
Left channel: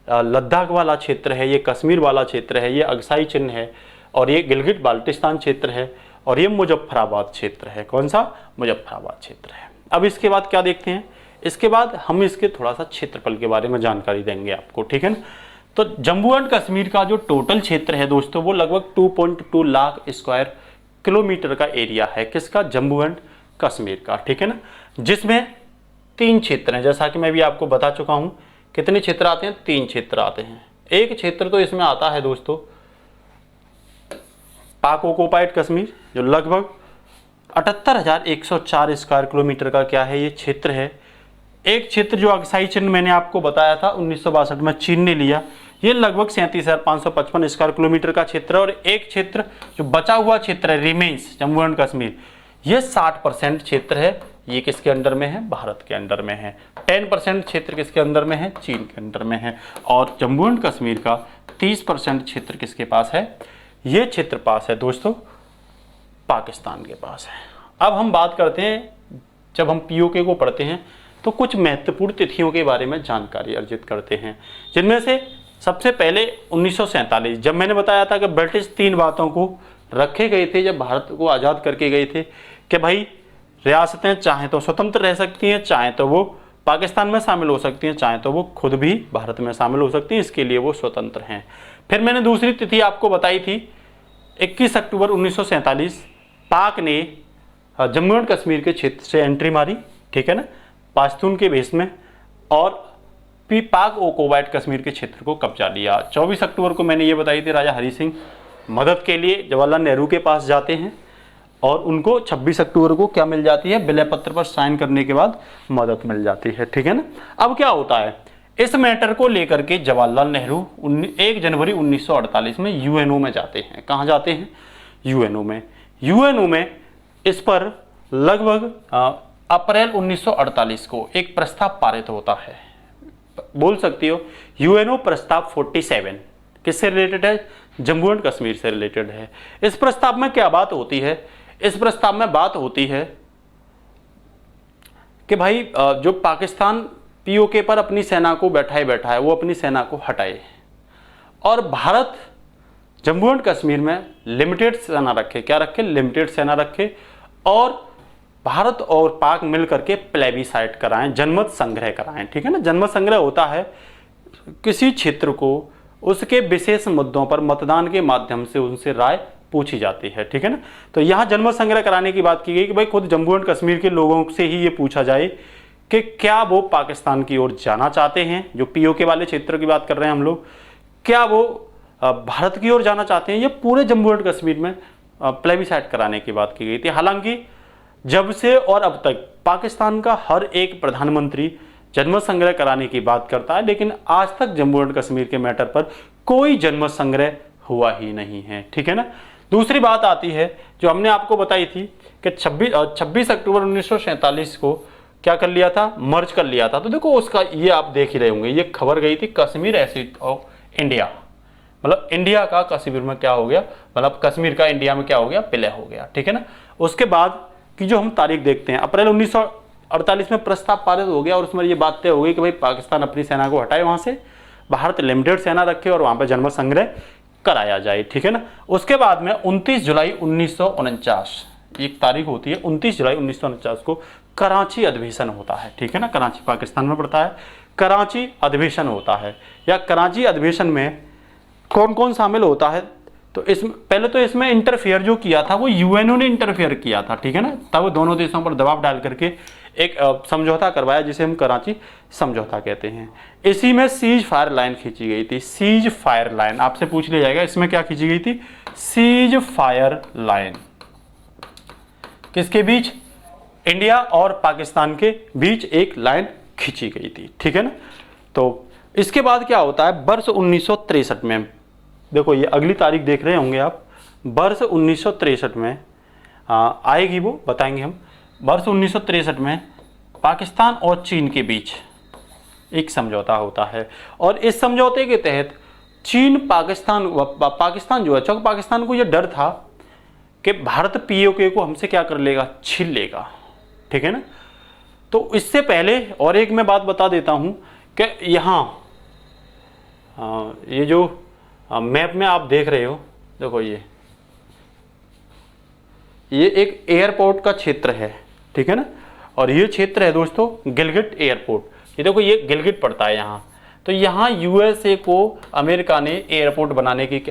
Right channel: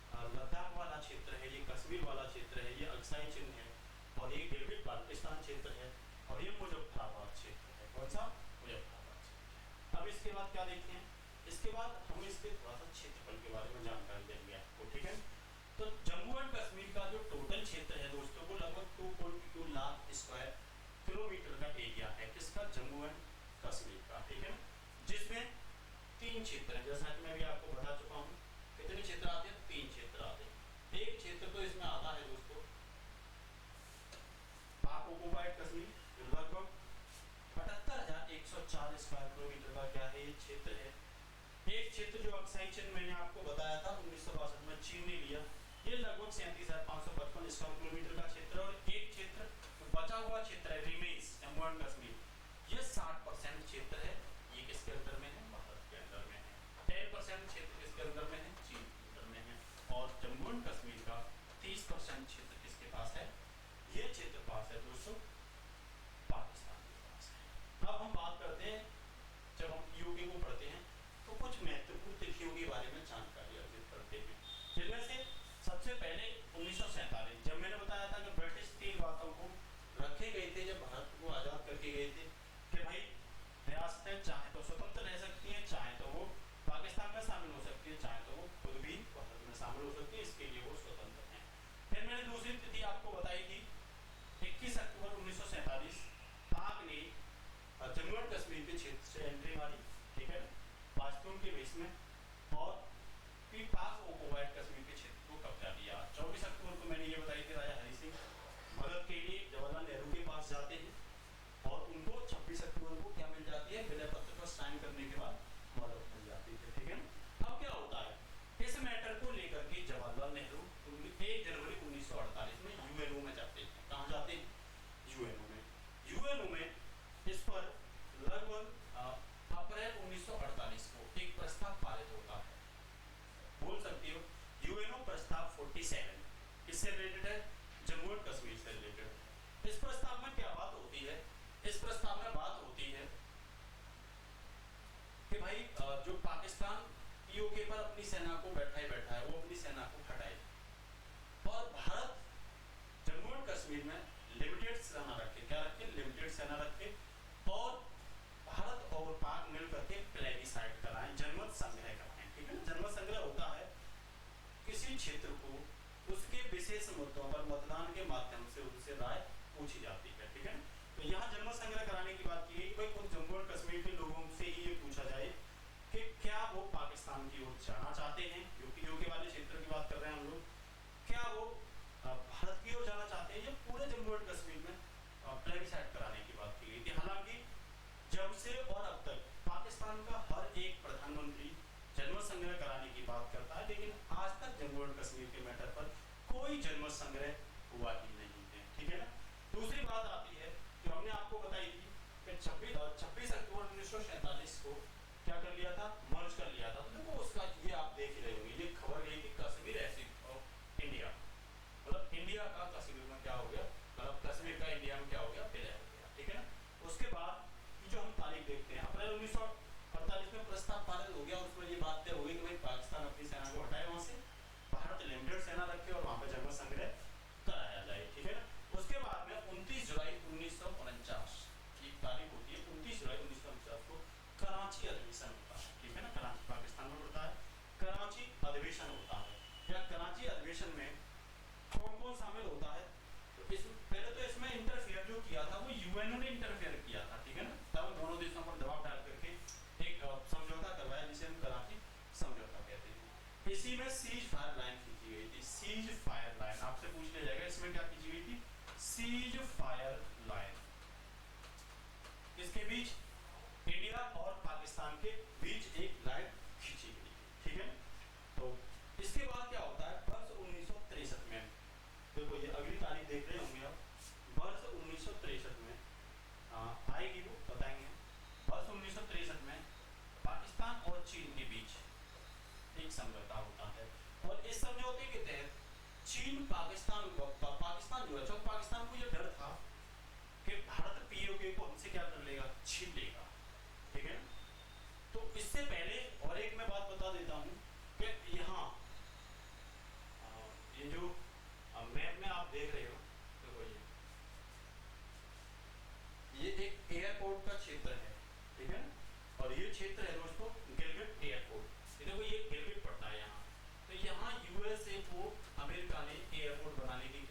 लद्दाख वाला क्षेत्र है, ये कश्मीर वाला क्षेत्र है, ये अक्साई चिन है, और ये गिलगित बाल्टिस्तान क्षेत्र है, और ये मुजफ्फराबाद क्षेत्र है। कौन सा, मुजफ्फराबाद क्षेत्र है। अब इसके बाद क्या देखते हैं, इसके बाद हम इसके थोड़ा सा क्षेत्रफल के बारे में जानकारी देंगे आपको, ठीक है ना। तो जम्मू एंड कश्मीर का जो टोटल क्षेत्र है दोस्तों, वो लगभग 2.2 लाख स्क्वायर किलोमीटर का एरिया है, किसका, जम्मू एंड कश्मीर का, ठीक है ना। जिसमें 3 क्षेत्र हैं, जैसा कि मैं भी आपको बता चुका हूं। कितने क्षेत्र आते हैं, 3 क्षेत्र आते हैं। एक क्षेत्र तो इसमें आता है दोस्तों पाक ऑक्युपाइड कश्मीर, जो लगभग 78,104 स्क्वायर किलोमीटर का क्या है, ये क्षेत्र है। एक क्षेत्र जो अक्साई चिन मैंने आपको बताया था 1962 में चीन ने लिया, ये लगभग 37,555 स्क्वायर किलोमीटर का क्षेत्र है। और एक क्षेत्र जो बचा हुआ क्षेत्र है, रिमेन्स जम्मू एंड कश्मीर, ये 60% क्षेत्र है, ये किसके अंडर में है, भारत के अंडर में है। 10% क्षेत्र किसके अंडर में है, चीन के अंडर में है। और जम्मू एंड कश्मीर का 30% क्षेत्र किसके पास है, ये क्षेत्र पास है दोस्तों पाकिस्तान के पास है। अब हम बात करते हैं, जब हम पीओके को पढ़ते हैं तो कुछ महत्वपूर्ण तिथियों के बारे में जानकारी अर्जित करते हैं, जिनमें से सबसे पहले 1947, जब मैंने बताया था कि ब्रिटिश 3 बातों को रखे गए थे जब भारत को आज़ाद करके गए थे, कि भाई रियासतें चाहे तो स्वतंत्र रह सकती हैं, चाहे तो वो पाकिस्तान में शामिल हो सकती हैं, चाहे तो वो खुद भी भारत में शामिल हो सकती हैं, इसके लिए वो स्वतंत्र हैं। फिर मैंने दूसरी तिथि आपको बताई थी 21 अक्टूबर 1947, पाक ने जम्मू एंड कश्मीर के क्षेत्र से एंट्री मारी, ठीक है ना, पाश्तून के भेष में, और फिर पाक ऑक्युपाइड कश्मीर के क्षेत्र को कब्जा लिया। 24 अक्टूबर को मैंने ये बताई थी, राजा हरि सिंह मदद के लिए जवाहरलाल नेहरू के पास जाते हैं, और उनको 26 अक्टूबर को क्या मिल जाती है, विलय पत्र पर साइन करने के बाद मदद मिल जाती है, ठीक है ना। अब क्या होता है, इस मैटर को लेकर के जवाहरलाल नेहरू 1 जनवरी 1948 में यूएनओ में जाते हैं। कहाँ जाते हैं, यूएनओ में। यूएनओ में इस पर लगभग अप्रैल 1948 को एक प्रस्ताव पारित होता है, बोल सकती हो यूएनओ प्रस्ताव 47, किससे रिलेटेड है, जम्मू एंड कश्मीर से रिलेटेड है। इस प्रस्ताव में क्या बात होती है, इस प्रस्ताव में बात होती है कि भाई जो पाकिस्तान पीओके पर अपनी सेना को बैठा है वो अपनी सेना को हटाए, और भारत जम्मू एंड कश्मीर में लिमिटेड सेना रखे। क्या रखे, लिमिटेड सेना रखे, और भारत और पाक मिल करके प्लेबिसाइट कराएं, जनमत संग्रह कराएं, ठीक है ना। जनमत संग्रह होता है किसी क्षेत्र को उसके विशेष मुद्दों पर मतदान के माध्यम से उनसे राय पूछी जाती है, ठीक है ना। तो यहाँ जनमत संग्रह कराने की बात की गई कि भाई खुद जम्मू एंड कश्मीर के लोगों से ही ये पूछा जाए कि क्या वो पाकिस्तान की ओर जाना चाहते हैं, जो पीओके वाले क्षेत्र की बात कर रहे हैं हम लोग, क्या वो भारत की ओर जाना चाहते हैं। ये पूरे जम्मू एंड कश्मीर में प्लेबिसाइट कराने की बात की गई थी। हालांकि जब से और अब तक पाकिस्तान का हर एक प्रधानमंत्री जनमत संग्रह कराने की बात करता है, लेकिन आज तक जम्मू एंड कश्मीर के मैटर पर कोई जनमत संग्रह हुआ ही नहीं है, ठीक है ना। दूसरी बात आती है जो हमने आपको बताई थी कि 26 अक्टूबर 1947 को क्या कर लिया था, मर्ज कर लिया था। तो देखो उसका ये आप देख ही रहे होंगे, ये खबर गई थी कश्मीर एसिड ऑफ इंडिया, मतलब इंडिया का कश्मीर में क्या हो गया, मतलब कश्मीर का इंडिया में क्या हो गया, विलय हो गया, ठीक है ना। उसके बाद की जो हम तारीख देखते हैं, अप्रैल 1948 में प्रस्ताव पारित हो गया, और उसमें ये बात तय हो गई कि भाई पाकिस्तान अपनी सेना को हटाए वहाँ से, भारत लिमिटेड सेना रखे और वहाँ पर जनमत संग्रह कराया जाए, ठीक है ना। उसके बाद में 29 जुलाई 1949 एक तारीख होती है, 29 जुलाई 1949 को कराची अधिवेशन होता है, ठीक है ना। कराची पाकिस्तान में पड़ता है, कराची अधिवेशन होता है। या कराची अधिवेशन में कौन कौन शामिल होता है, तो इसमें पहले तो इसमें इंटरफेयर जो किया था वो यूएनओ ने इंटरफेयर किया था, ठीक है ना। तब दोनों देशों पर दबाव डाल करके एक समझौता करवाया जिसे हम कराची समझौता कहते हैं। इसी में सीज फायर लाइन खींची गई थी। सीज फायर लाइन आपसे पूछ लिया जाएगा, इसमें क्या खींची गई थी? सीज फायर लाइन किसके बीच? इंडिया और पाकिस्तान के बीच एक लाइन खींची गई थी, ठीक है ना। तो इसके बाद क्या होता है, वर्ष 1963 में, देखो ये अगली तारीख देख रहे होंगे आप, वर्ष 1963 में आएगी वो बताएंगे हम। वर्ष 1963 में पाकिस्तान और चीन के बीच एक समझौता होता है और इस समझौते के तहत चीन पाकिस्तान जो है, चूंकि पाकिस्तान को यह डर था कि भारत पीओके को हमसे क्या कर लेगा, छीन लेगा, ठीक है ना। तो इससे पहले और एक मैं बात बता देता हूं कि यहाँ ये जो मैप में आप देख रहे हो, देखो ये एक एयरपोर्ट का क्षेत्र है, ठीक है ना। और ये क्षेत्र है दोस्तों गिलगिट एयरपोर्ट। ये देखो ये गिलगिट पड़ता है यहाँ। तो यहाँ यूएसए को अमेरिका ने एयरपोर्ट बनाने की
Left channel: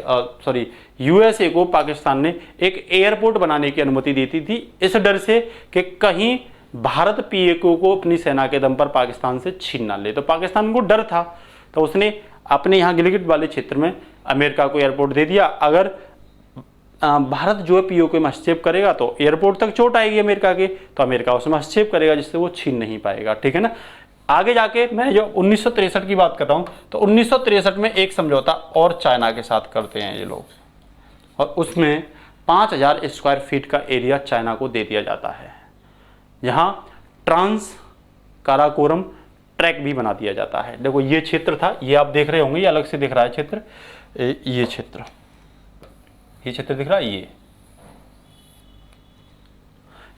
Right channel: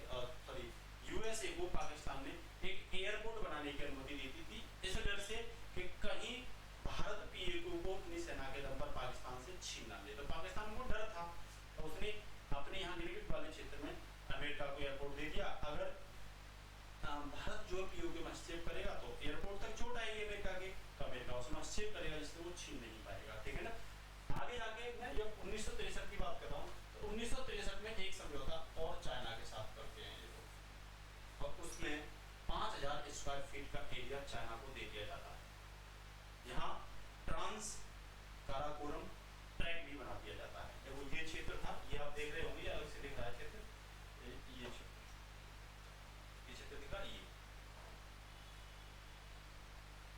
यूएसए को पाकिस्तान ने एक एयरपोर्ट बनाने की अनुमति देती थी, इस डर से कि कहीं भारत पीओके को अपनी सेना के दम पर पाकिस्तान से छीन ना ले। तो पाकिस्तान को डर था, तो उसने अपने यहाँ गिलगिट वाले क्षेत्र में अमेरिका को एयरपोर्ट दे दिया। अगर भारत जो है पीओके में हस्तक्षेप करेगा तो एयरपोर्ट तक चोट आएगी अमेरिका के, तो अमेरिका उसमें हस्तक्षेप करेगा जिससे वो छीन नहीं पाएगा, ठीक है ना। आगे जाके मैं जो 1963 की बात कर रहा हूँ, तो 1963 में एक समझौता और चाइना के साथ करते हैं ये लोग, और उसमें 5000 स्क्वायर फीट का एरिया चाइना को दे दिया जाता है, जहाँ ट्रांस काराकोरम ट्रैक भी बना दिया जाता है। देखो ये क्षेत्र था, ये आप देख रहे होंगे, ये अलग से दिख रहा है क्षेत्र, ये क्षेत्र दिख रहा है। ये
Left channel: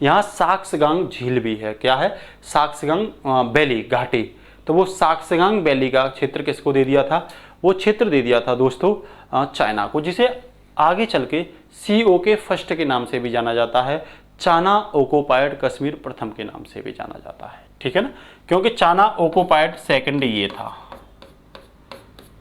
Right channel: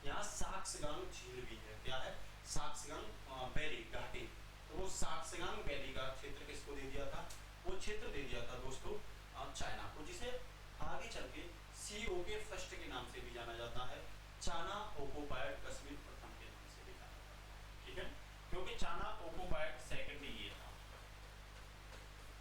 यहाँ साक्सगांग झील भी है, क्या है, साक्सगांग वैली घाटी। तो वो साक्सगांग वैली का क्षेत्र किसको दे दिया था? वो क्षेत्र दे दिया था दोस्तों चाइना को, जिसे आगे चल के COK फर्स्ट के नाम से भी जाना जाता है, चाइना ऑक्युपाइड कश्मीर प्रथम के नाम से भी जाना जाता है, ठीक है ना। क्योंकि चाइना ऑक्युपाइड सेकंड ये था,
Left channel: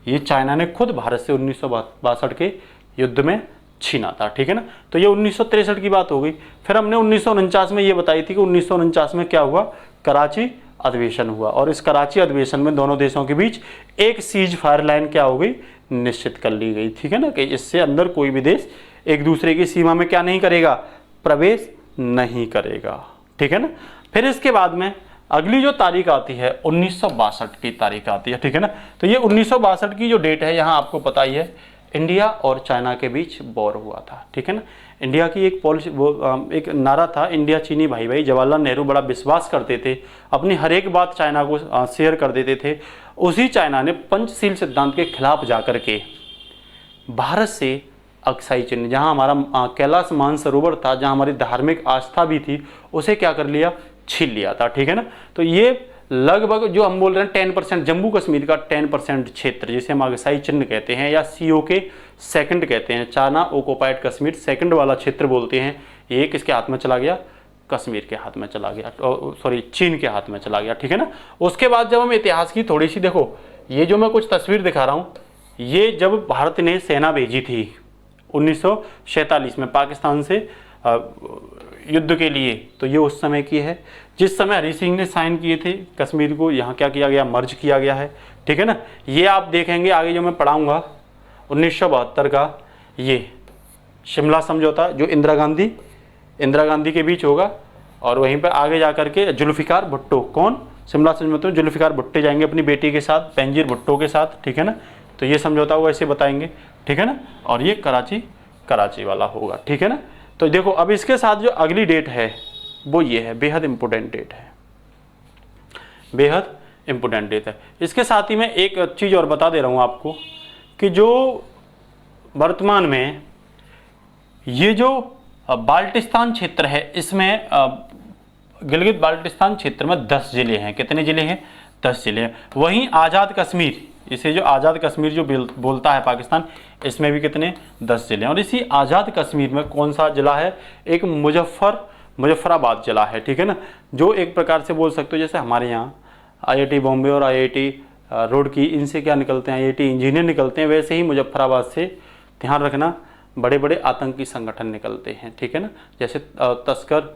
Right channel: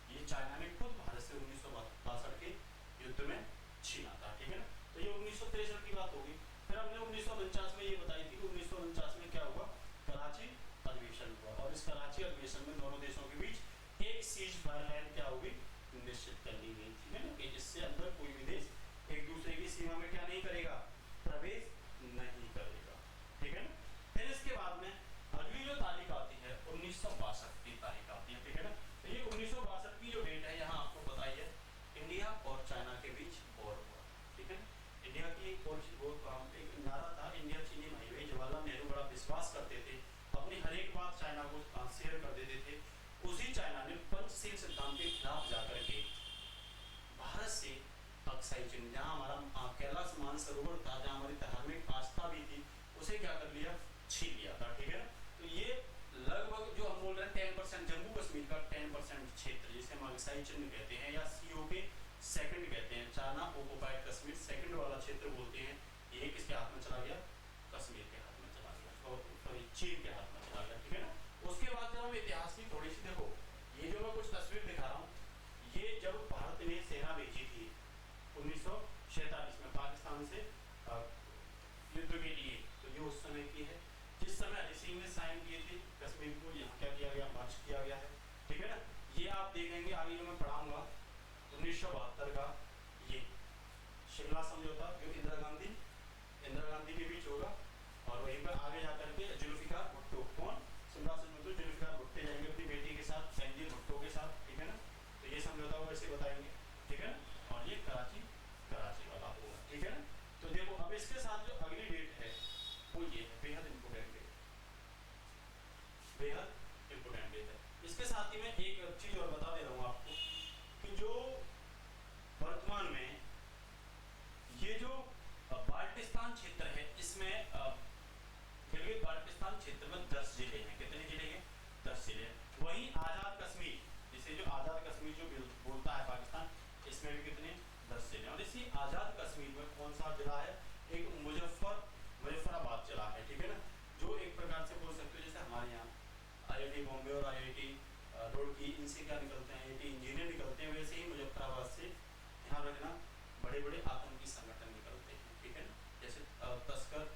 ये चाइना ने खुद भारत से 1962 के युद्ध में छीना था, ठीक है ना। तो ये 1963 की बात हो गई। फिर हमने 1949 में ये बताई थी कि 1949 में क्या हुआ, कराची अधिवेशन हुआ, और इस कराची अधिवेशन में दोनों देशों के बीच एक सीज फायर लाइन क्या हो गई, निश्चित कर ली गई, ठीक है ना, कि इससे अंदर कोई भी देश एक दूसरे की सीमा में क्या नहीं करेगा, प्रवेश नहीं करेगा, ठीक है ना। फिर इसके बाद में अगली जो तारीख आती है 1962 की तारीख आती है, ठीक है ना। तो ये 1962 की जो डेट है, यहाँ आपको पता ही है, इंडिया और चाइना के बीच वॉर हुआ था, ठीक है ना। इंडिया की एक पॉलिसी, एक नारा था, इंडिया चीनी भाई भाई। जवाहरलाल नेहरू बड़ा विश्वास करते थे, अपनी हर एक बात चाइना को शेयर कर देते थे। उसी चाइना ने पंचशील सिद्धांत के खिलाफ जाकर के भारत से अक्साई चिन्ह, जहां हमारा कैलाश मानसरोवर था, जहां हमारी धार्मिक आस्था भी थी, उसे क्या कर लिया, छीन लिया था, ठीक है ना। तो ये लगभग जो हम बोल रहे हैं 10%, जम्मू कश्मीर का 10% क्षेत्र, जिसे हम अक्साई चिन्ह कहते हैं या COK सेकंड कहते हैं, चाइना ऑक्युपाइड कश्मीर सेकंड वाला क्षेत्र बोलते हैं, ये किसके हाथ में चला गया, कश्मीर के हाथ में चला गया, सॉरी चीन के हाथ में चला गया, ठीक है ना। उसके बाद जब हम इतिहास की थोड़ी सी, देखो ये जो मैं कुछ तस्वीर दिखा रहा हूँ, ये जब भारत ने सेना भेजी थी 1947 में पाकिस्तान से युद्ध के लिए, तो ये उस समय की है, जिस समय हरि सिंह ने साइन किए थे, कश्मीर को यहाँ क्या किया गया, मर्ज किया गया है, ठीक है ना। ये आप देखेंगे आगे जो मैं पढ़ाऊंगा 1972 का, ये शिमला समझौता जो इंदिरा गांधी के बीच होगा, और वहीं पर आगे जाकर के जुल्फिकार भुट्टो, कौन, शिमला समझौता में जुल्फिकार भुट्टो जाएंगे अपनी बेटी के साथ, बेनजीर भुट्टो के साथ, ठीक है ना। तो ये समझौता हुआ, ऐसे बताएंगे, ठीक है ना। और ये कराची वाला होगा, ठीक है ना। तो देखो अब इसके साथ जो अगली डेट है वो ये है, बेहद इंपॉर्टेंट डेट है, बेहद इंपॉर्टेंट डेट है। इसके साथ ही मैं एक चीज़ और बता दे रहा हूँ आपको कि जो वर्तमान में ये जो बाल्टिस्तान क्षेत्र है, इसमें गिलगित बाल्टिस्तान क्षेत्र में 10 जिले हैं। कितने जिले हैं, 10 जिले हैं। वहीं आज़ाद कश्मीर इसे जो आज़ाद कश्मीर जो बोलता है पाकिस्तान, इसमें भी कितने 10 जिले हैं। और इसी आज़ाद कश्मीर में कौन सा जिला है, एक मुजफ्फराबाद जिला है, ठीक है ना, जो एक प्रकार से बोल सकते हो जैसे हमारे यहाँ IIT बॉम्बे और IIT रुड़की, इनसे क्या निकलते हैं, IIT इंजीनियर निकलते हैं, वैसे ही मुजफ्फराबाद से, ध्यान रखना, बड़े बड़े आतंकी संगठन निकलते हैं, ठीक है ना, जैसे तस्कर,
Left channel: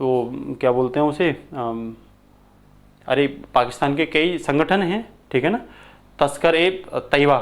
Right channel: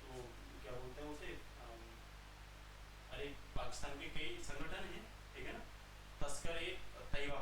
वो क्या बोलते हैं उसे, अरे पाकिस्तान के कई संगठन हैं, ठीक है ना, तस्कर ए तैयबा,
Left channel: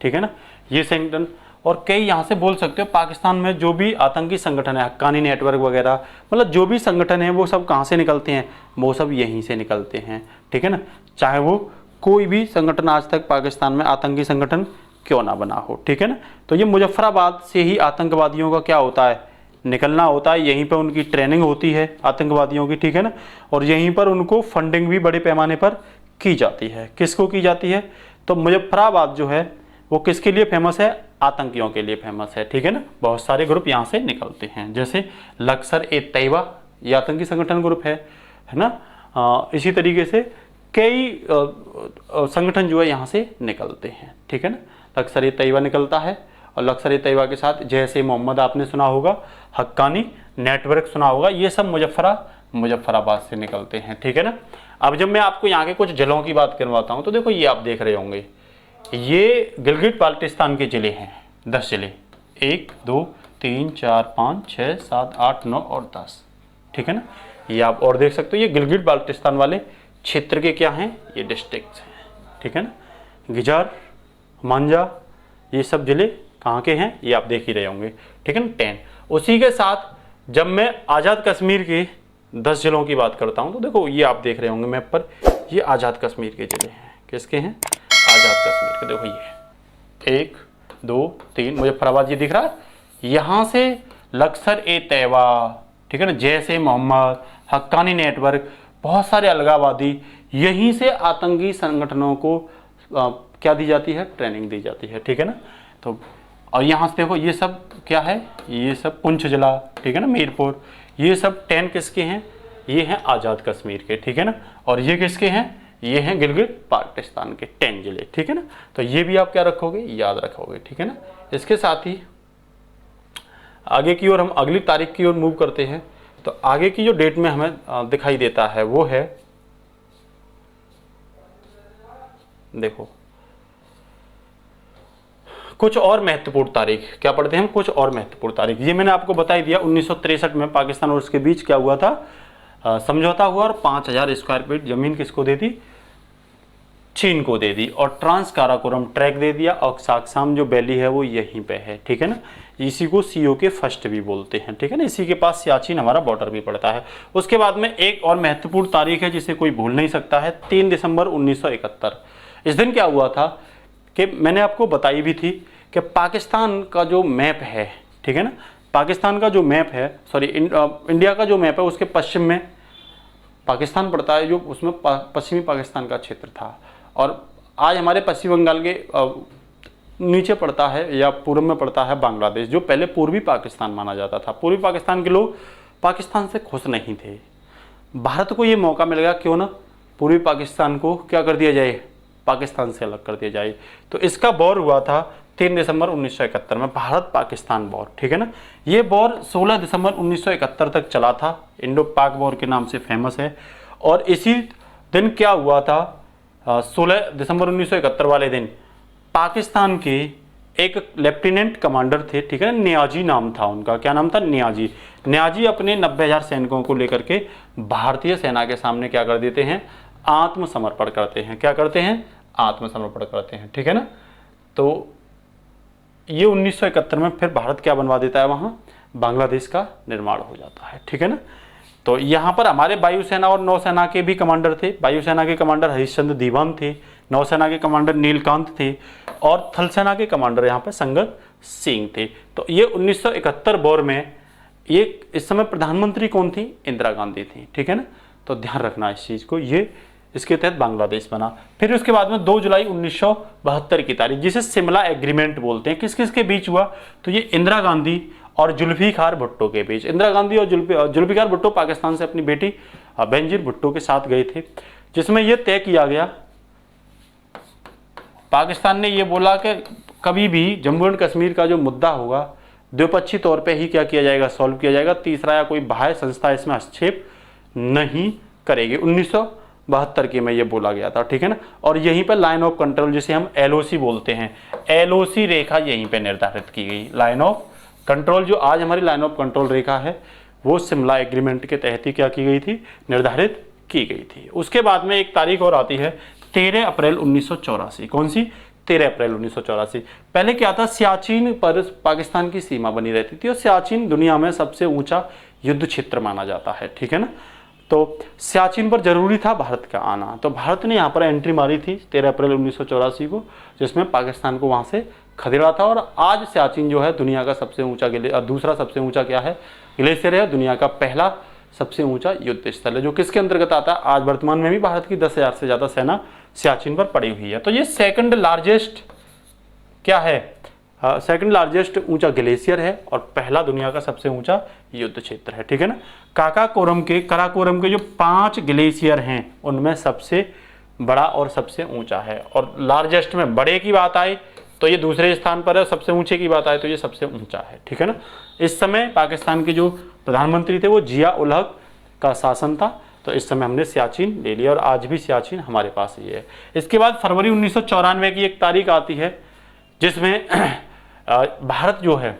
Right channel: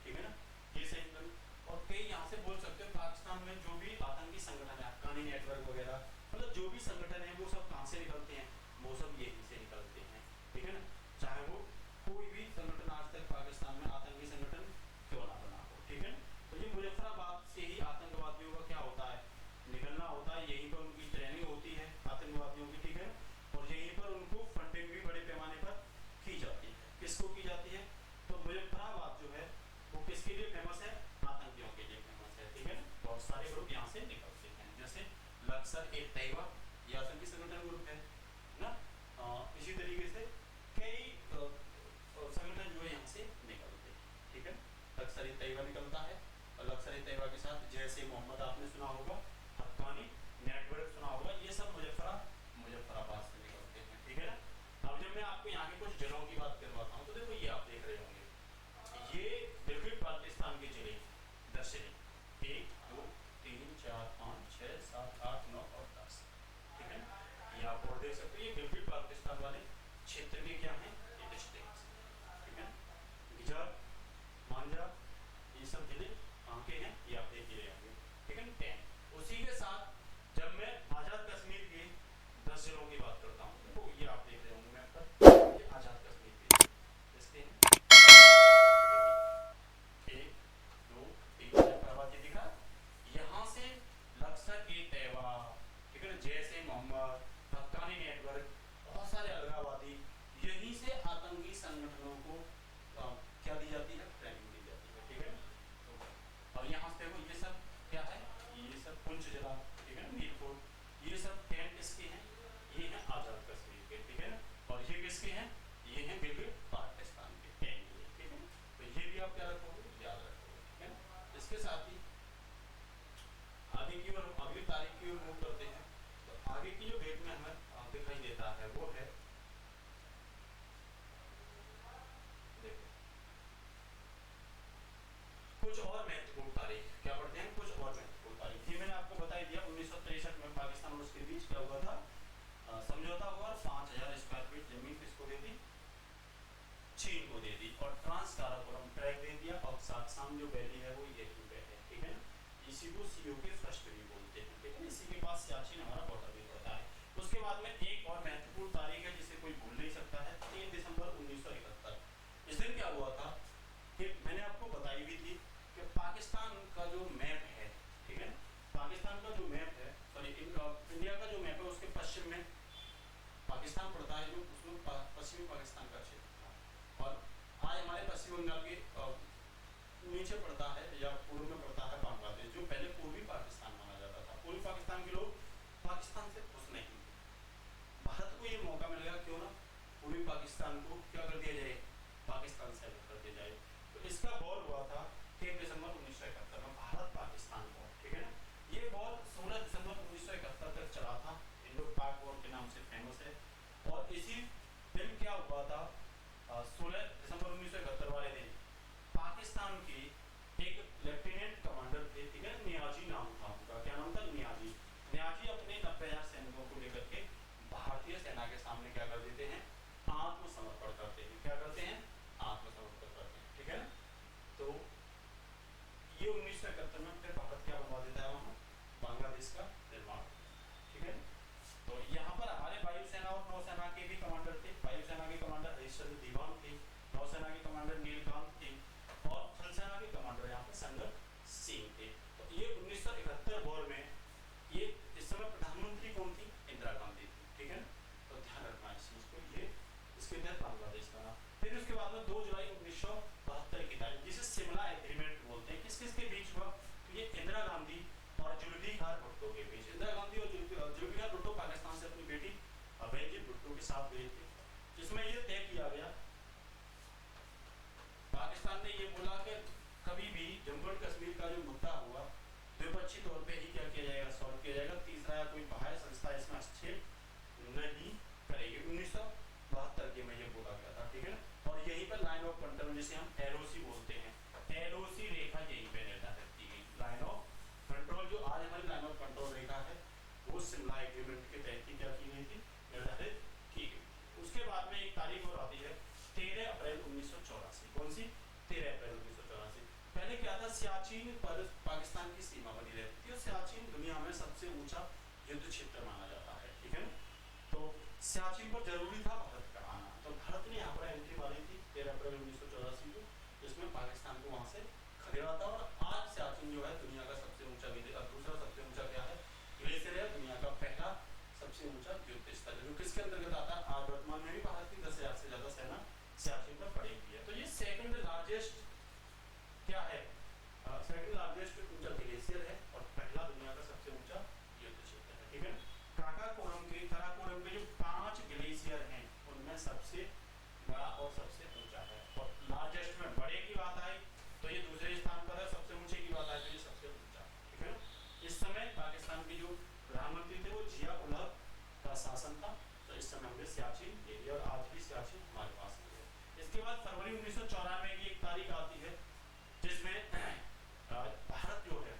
ठीक है ना, ये संगठन, और कई यहाँ से बोल सकते हो पाकिस्तान में जो भी आतंकी संगठन है, हक्कानी नेटवर्क वगैरह, मतलब जो भी संगठन है वो सब कहाँ से निकलते हैं, वो सब यहीं से निकलते हैं, ठीक है ना, चाहे वो कोई भी संगठन आज तक पाकिस्तान में आतंकी संगठन क्यों ना बना हो, ठीक है ना। तो ये मुजफ्फराबाद से ही आतंकवादियों का क्या होता है, निकलना होता है, यहीं पर उनकी ट्रेनिंग होती है आतंकवादियों की, ठीक है ना, और यहीं पर उनको फंडिंग भी बड़े पैमाने पर की जाती है। किसको की जाती है, तो मुजफ्फराबाद जो है वो किसके लिए फेमस है, आतंकियों के लिए फेमस है, ठीक है ना, बहुत सारे ग्रुप यहाँ से निकलते हैं, जैसे लश्कर ए तैयबा, ये आतंकी संगठन ग्रुप है ना, इसी तरीके से कई संगठन जो है यहाँ से निकलते हैं, ठीक है ना, लश्कर ए तैयबा निकलता है, और लश्कर ए तैयबा के साथ जैसे मोहम्मद आपने सुना होगा, हक्कानी नेटवर्क सुना होगा, ये सब मुजफ्फराबाद से निकलते हैं, ठीक है ना। अब जब मैं आपको यहाँ के कुछ जिलों की बात करवाता हूँ, तो देखो ये आप देख रहे होंगे, ये गिलगित बाल्टिस्तान के जिले हैं, 10 जिले, 1 2 3 4 5 6 7 8 9 और 10, ठीक है ना, ये आप और देख सकते हो, ये गिलगित बाल्टिस्तान वाले क्षेत्र के क्या हैं, ये डिस्ट्रिक्ट हैं, ठीक है ना, गिजार, मांझा, ये सब जिले कहाँ के हैं, ये आप देख ही रहे होंगे, ठीक है ना, 10। उसी के साथ जब मैं आज़ाद कश्मीर के 10 जिलों की बात करता हूँ, तो देखो ये आप देख रहे होंगे मैप पर, ये आज़ाद कश्मीर के जिले हैं, किसके हैं, आज़ाद कश्मीर के, देखो ये 1 2 3 मुजफ्फराबाद, ये दिख रहा है, यहाँ से लश्कर ए तैयबा, ठीक है ना, जैसे मोहम्मद, हक्कानी नेटवर्क, बहुत सारे अलगावादी, यहीं से आतंकी संगठनों को क्या दी जाती है, ट्रेनिंग दी जाती है, ठीक है ना। तो और यहाँ से देखो ये सब क्या है, ये सब पुंछ जिला, ठीक है ना, मीरपुर, ये सब 10 किसके हैं, ये हैं आज़ाद कश्मीर के, ठीक है ना, और ये किसके हैं, ये हैं गिलगित बाल्टिस्तान के 10 जिले, ठीक है ना। तो ये भी आप क्या रखोगे, याद रखोगे, ठीक है ना। इसके साथ ही आगे की ओर हम अगली तारीख की ओर मूव करते हैं। तो आगे की जो डेट में हमें दिखाई देता है वो है, देखो कुछ और महत्वपूर्ण तारीख, क्या पढ़ते हैं हम, कुछ और महत्वपूर्ण तारीख। ये मैंने आपको बता ही दिया, 1963 में पाकिस्तान और उसके बीच क्या हुआ था, समझौता हुआ, और 5000 स्क्वायर फीट जमीन किसको दे दी, चीन को दे दी, और ट्रांस काराकोरम ट्रैक दे दिया, और साक्साम जो वैली है वो यहीं पे है, ठीक है ना। इसी को CO के फर्स्ट भी बोलते हैं, ठीक है ना, इसी के पास सियाचिन हमारा बॉर्डर भी पड़ता है। उसके बाद में एक और महत्वपूर्ण तारीख है जिसे कोई भूल नहीं सकता है, 3 दिसंबर 1971। इस दिन क्या हुआ था कि मैंने आपको बताई भी थी कि पाकिस्तान का जो मैप है, ठीक है ना, पाकिस्तान का जो मैप है, सॉरी इंडिया का जो मैप है, उसके पश्चिम में पाकिस्तान पड़ता है, जो उसमें पश्चिमी पाकिस्तान का क्षेत्र था, और आज हमारे पश्चिम बंगाल के नीचे पड़ता है या पूर्व में पड़ता है बांग्लादेश, जो पहले पूर्वी पाकिस्तान माना जाता था। पूर्वी पाकिस्तान के लोग पाकिस्तान से खुश नहीं थे। भारत को ये मौका मिल गया, क्यों ना पूर्वी पाकिस्तान को क्या कर दिया जाए, पाकिस्तान से अलग कर दिया जाए। तो इसका वॉर हुआ था 3 दिसंबर 1971 में, भारत पाकिस्तान वॉर, ठीक है ना। ये वॉर 16 दिसंबर 1971 तक चला था, इंडो पाक वॉर के नाम से फेमस है। और इसी दिन क्या हुआ था, 16 दिसंबर 1971 वाले दिन पाकिस्तान के एक लेफ्टिनेंट कमांडर थे, ठीक है, नियाजी नाम था उनका, क्या नाम था, नियाजी। नियाजी अपने 90,000 सैनिकों को लेकर के भारतीय सेना के सामने क्या कर देते हैं, आत्मसमर्पण करते हैं। क्या करते हैं, आत्मसमर्पण करते हैं, ठीक है ना। तो ये 1971 में फिर भारत क्या बनवा देता है, वहाँ बांग्लादेश का निर्माण हो जाता है, ठीक है ना। तो यहाँ पर हमारे वायुसेना और नौसेना के भी कमांडर थे। वायुसेना के कमांडर हरिश्चंद्र दीवान थे, नौसेना के कमांडर नीलकांत थे, और थल सेना के कमांडर यहाँ पर संगत सिंह थे। तो ये 1971 वॉर में ये इस समय प्रधानमंत्री कौन थी, इंदिरा गांधी थी, ठीक है ना। तो ध्यान रखना इस चीज़ को, ये इसके तहत बांग्लादेश बना। फिर उसके बाद में 2 जुलाई 1972 की तारीख, जिसे शिमला एग्रीमेंट बोलते हैं, किस किस के बीच हुआ, तो ये इंदिरा गांधी और जुल्फिकार भुट्टो के बीच। इंदिरा गांधी और जुल्फिकार भुट्टो पाकिस्तान से अपनी बेटी बेनजीर भुट्टो के साथ गए थे, जिसमें यह तय किया गया पाकिस्तान ने ये बोला कि कभी भी जम्मू एंड कश्मीर का जो मुद्दा होगा द्विपक्षीय तौर पे ही क्या किया जाएगा, सॉल्व किया जाएगा। तीसरा या कोई बाह्य संस्था इसमें हस्तक्षेप नहीं करेगी। 1972 के में ये बोला गया था, ठीक है ना। और यहीं पर लाइन ऑफ कंट्रोल जिसे हम LOC बोलते हैं, LOC रेखा यहीं पे निर्धारित की गई। लाइन ऑफ कंट्रोल जो आज हमारी लाइन ऑफ कंट्रोल रेखा है वो शिमला एग्रीमेंट के तहत ही क्या की गई थी, निर्धारित की गई थी। उसके बाद में एक तारीख और आती है 13 अप्रैल 1984। कौन सी? 13 अप्रैल 1984। पहले क्या था, सियाचिन पर पाकिस्तान की सीमा बनी रहती थी और सियाचिन दुनिया में सबसे ऊंचा युद्ध क्षेत्र माना जाता है, ठीक है ना। तो सियाचिन पर जरूरी था भारत का आना, तो भारत ने यहाँ पर एंट्री मारी थी 13 अप्रैल 1984 को, जिसमें पाकिस्तान को वहाँ से खदेड़ा था। और आज सियाचिन जो है दुनिया का सबसे ऊंचा दूसरा सबसे ऊंचा क्या है, ग्लेशियर है। दुनिया का पहला सबसे ऊंचा युद्ध स्थल है, जो किसके अंतर्गत आता है, आज वर्तमान में भी भारत की 10,000 से ज्यादा सेना सियाचिन पर पड़ी हुई है। तो ये सेकंड लार्जेस्ट क्या है, सेकंड लार्जेस्ट ऊंचा ग्लेशियर है और पहला दुनिया का सबसे ऊंचा युद्ध क्षेत्र है, ठीक है ना। काराकोरम के जो 5 ग्लेशियर हैं उनमें सबसे बड़ा और सबसे ऊंचा है। और लार्जेस्ट में बड़े की बात आए तो ये दूसरे स्थान पर है, सबसे ऊंचे की बात आए तो ये सबसे ऊंचा है, ठीक है ना। इस समय पाकिस्तान के जो प्रधानमंत्री थे वो जिया उल हक का शासन था, तो इस समय हमने सियाचिन ले लिया और आज भी सियाचिन हमारे पास ही है। इसके बाद फरवरी 1994 की एक तारीख आती है जिसमें भारत जो है,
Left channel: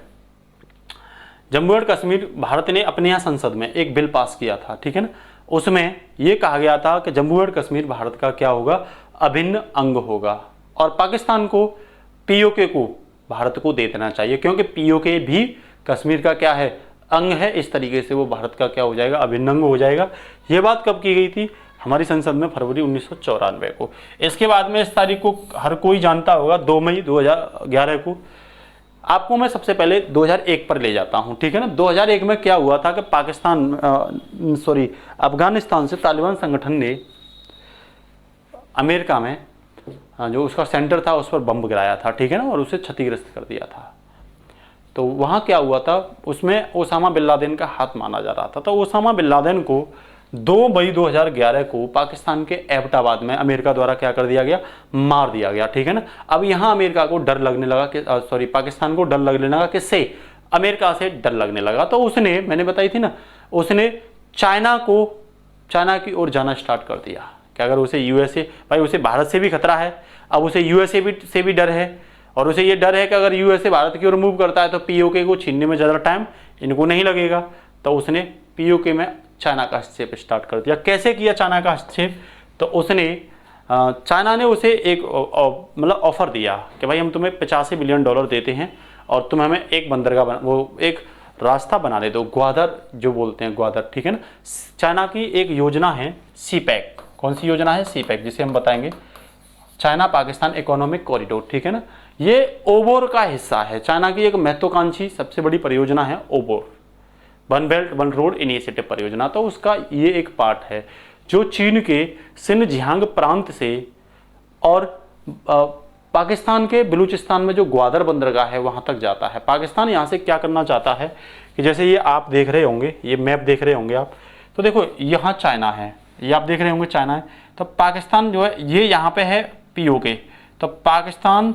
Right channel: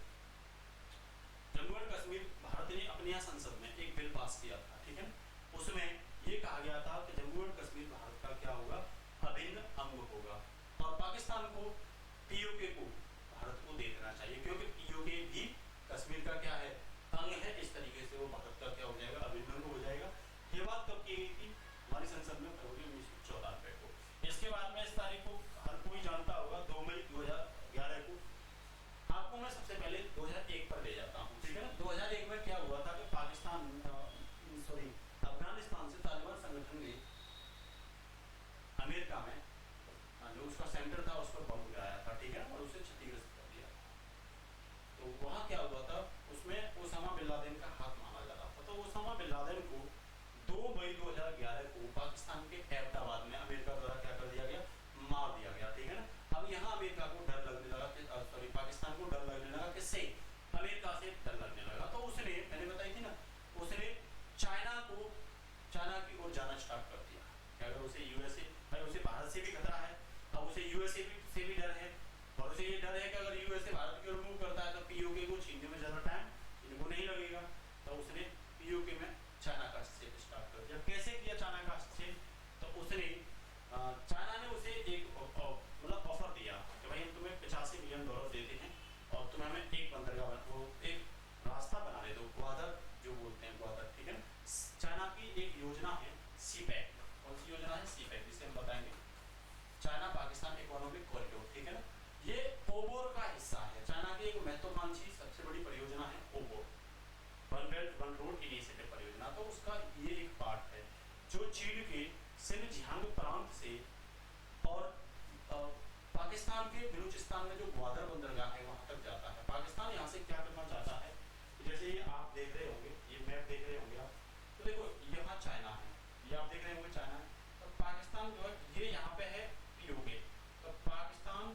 जम्मू एंड कश्मीर, भारत ने अपने यहाँ संसद में एक बिल पास किया था, ठीक है ना। उसमें यह कहा गया था कि जम्मू एंड कश्मीर भारत का क्या होगा, अभिन्न अंग होगा और पाकिस्तान को POK को भारत को दे देना चाहिए, क्योंकि POK भी कश्मीर का क्या है, अंग है। इस तरीके से वो भारत का क्या हो जाएगा, अभिन्न अंग हो जाएगा। ये बात कब की गई थी, हमारी संसद में फरवरी 1994 को। इसके बाद में इस तारीख को हर कोई जानता होगा, 2 मई 2011 को। आपको मैं सबसे पहले 2001 पर ले जाता हूं, ठीक है ना। 2001 में क्या हुआ था कि अफगानिस्तान से तालिबान संगठन ने अमेरिका में जो उसका सेंटर था उस पर बम गिराया था, ठीक है ना, और उसे क्षतिग्रस्त कर दिया था। तो वहाँ क्या हुआ था, उसमें ओसामा बिन लादेन का हाथ माना जा रहा था। तो ओसामा बिन लादेन को 2 मई 2011 को पाकिस्तान के एबटाबाद में अमेरिका द्वारा क्या कर दिया गया, मार दिया गया, ठीक है ना। अब यहाँ अमेरिका को डर लगने लगा कि पाकिस्तान को डर लगने लगा, किससे, अमेरिका से डर लगने लगा। तो उसने, मैंने बताई थी ना, उसने चाइना की ओर जाना स्टार्ट कर दिया कि अगर उसे USA, भाई उसे भारत से भी खतरा है, अब उसे USA से भी डर है और उसे ये डर है कि अगर USA भारत की ओर मूव करता है तो POK को छीनने में ज़्यादा टाइम इनको नहीं लगेगा। तो उसने POK में चाइना का हस्तक्षेप स्टार्ट कर दिया। कैसे किया चाइना का हस्तक्षेप, तो उसने चाइना ने उसे एक मतलब ऑफर दिया कि भाई हम तुम्हें $85 बिलियन देते हैं और तुम हमें एक बंदरगाह एक रास्ता बना दे दो, ग्वादर जो बोलते हैं, ग्वादर, ठीक है ना। चाइना की एक योजना है CPEC। कौन सी योजना है, CPEC, जिसे हम बताएंगे चाइना पाकिस्तान इकोनॉमिक कॉरिडोर, ठीक है ना। ये ओबोर का हिस्सा है, चाइना की एक महत्वाकांक्षी सबसे बड़ी परियोजना है OBOR, one belt one road initiative परियोजना। तो उसका ये एक पार्ट है जो चीन के सिनजियांग प्रांत से और पाकिस्तान के बलूचिस्तान में जो ग्वादर बंदरगाह है वहां तक जाता है। पाकिस्तान यहाँ से क्या करना चाहता है कि जैसे ये आप देख रहे होंगे, ये मैप देख रहे होंगे आप, तो देखो यहाँ चाइना है, ये आप देख रहे होंगे चाइना है, तो पाकिस्तान जो है ये यहाँ पे है POK। तो पाकिस्तान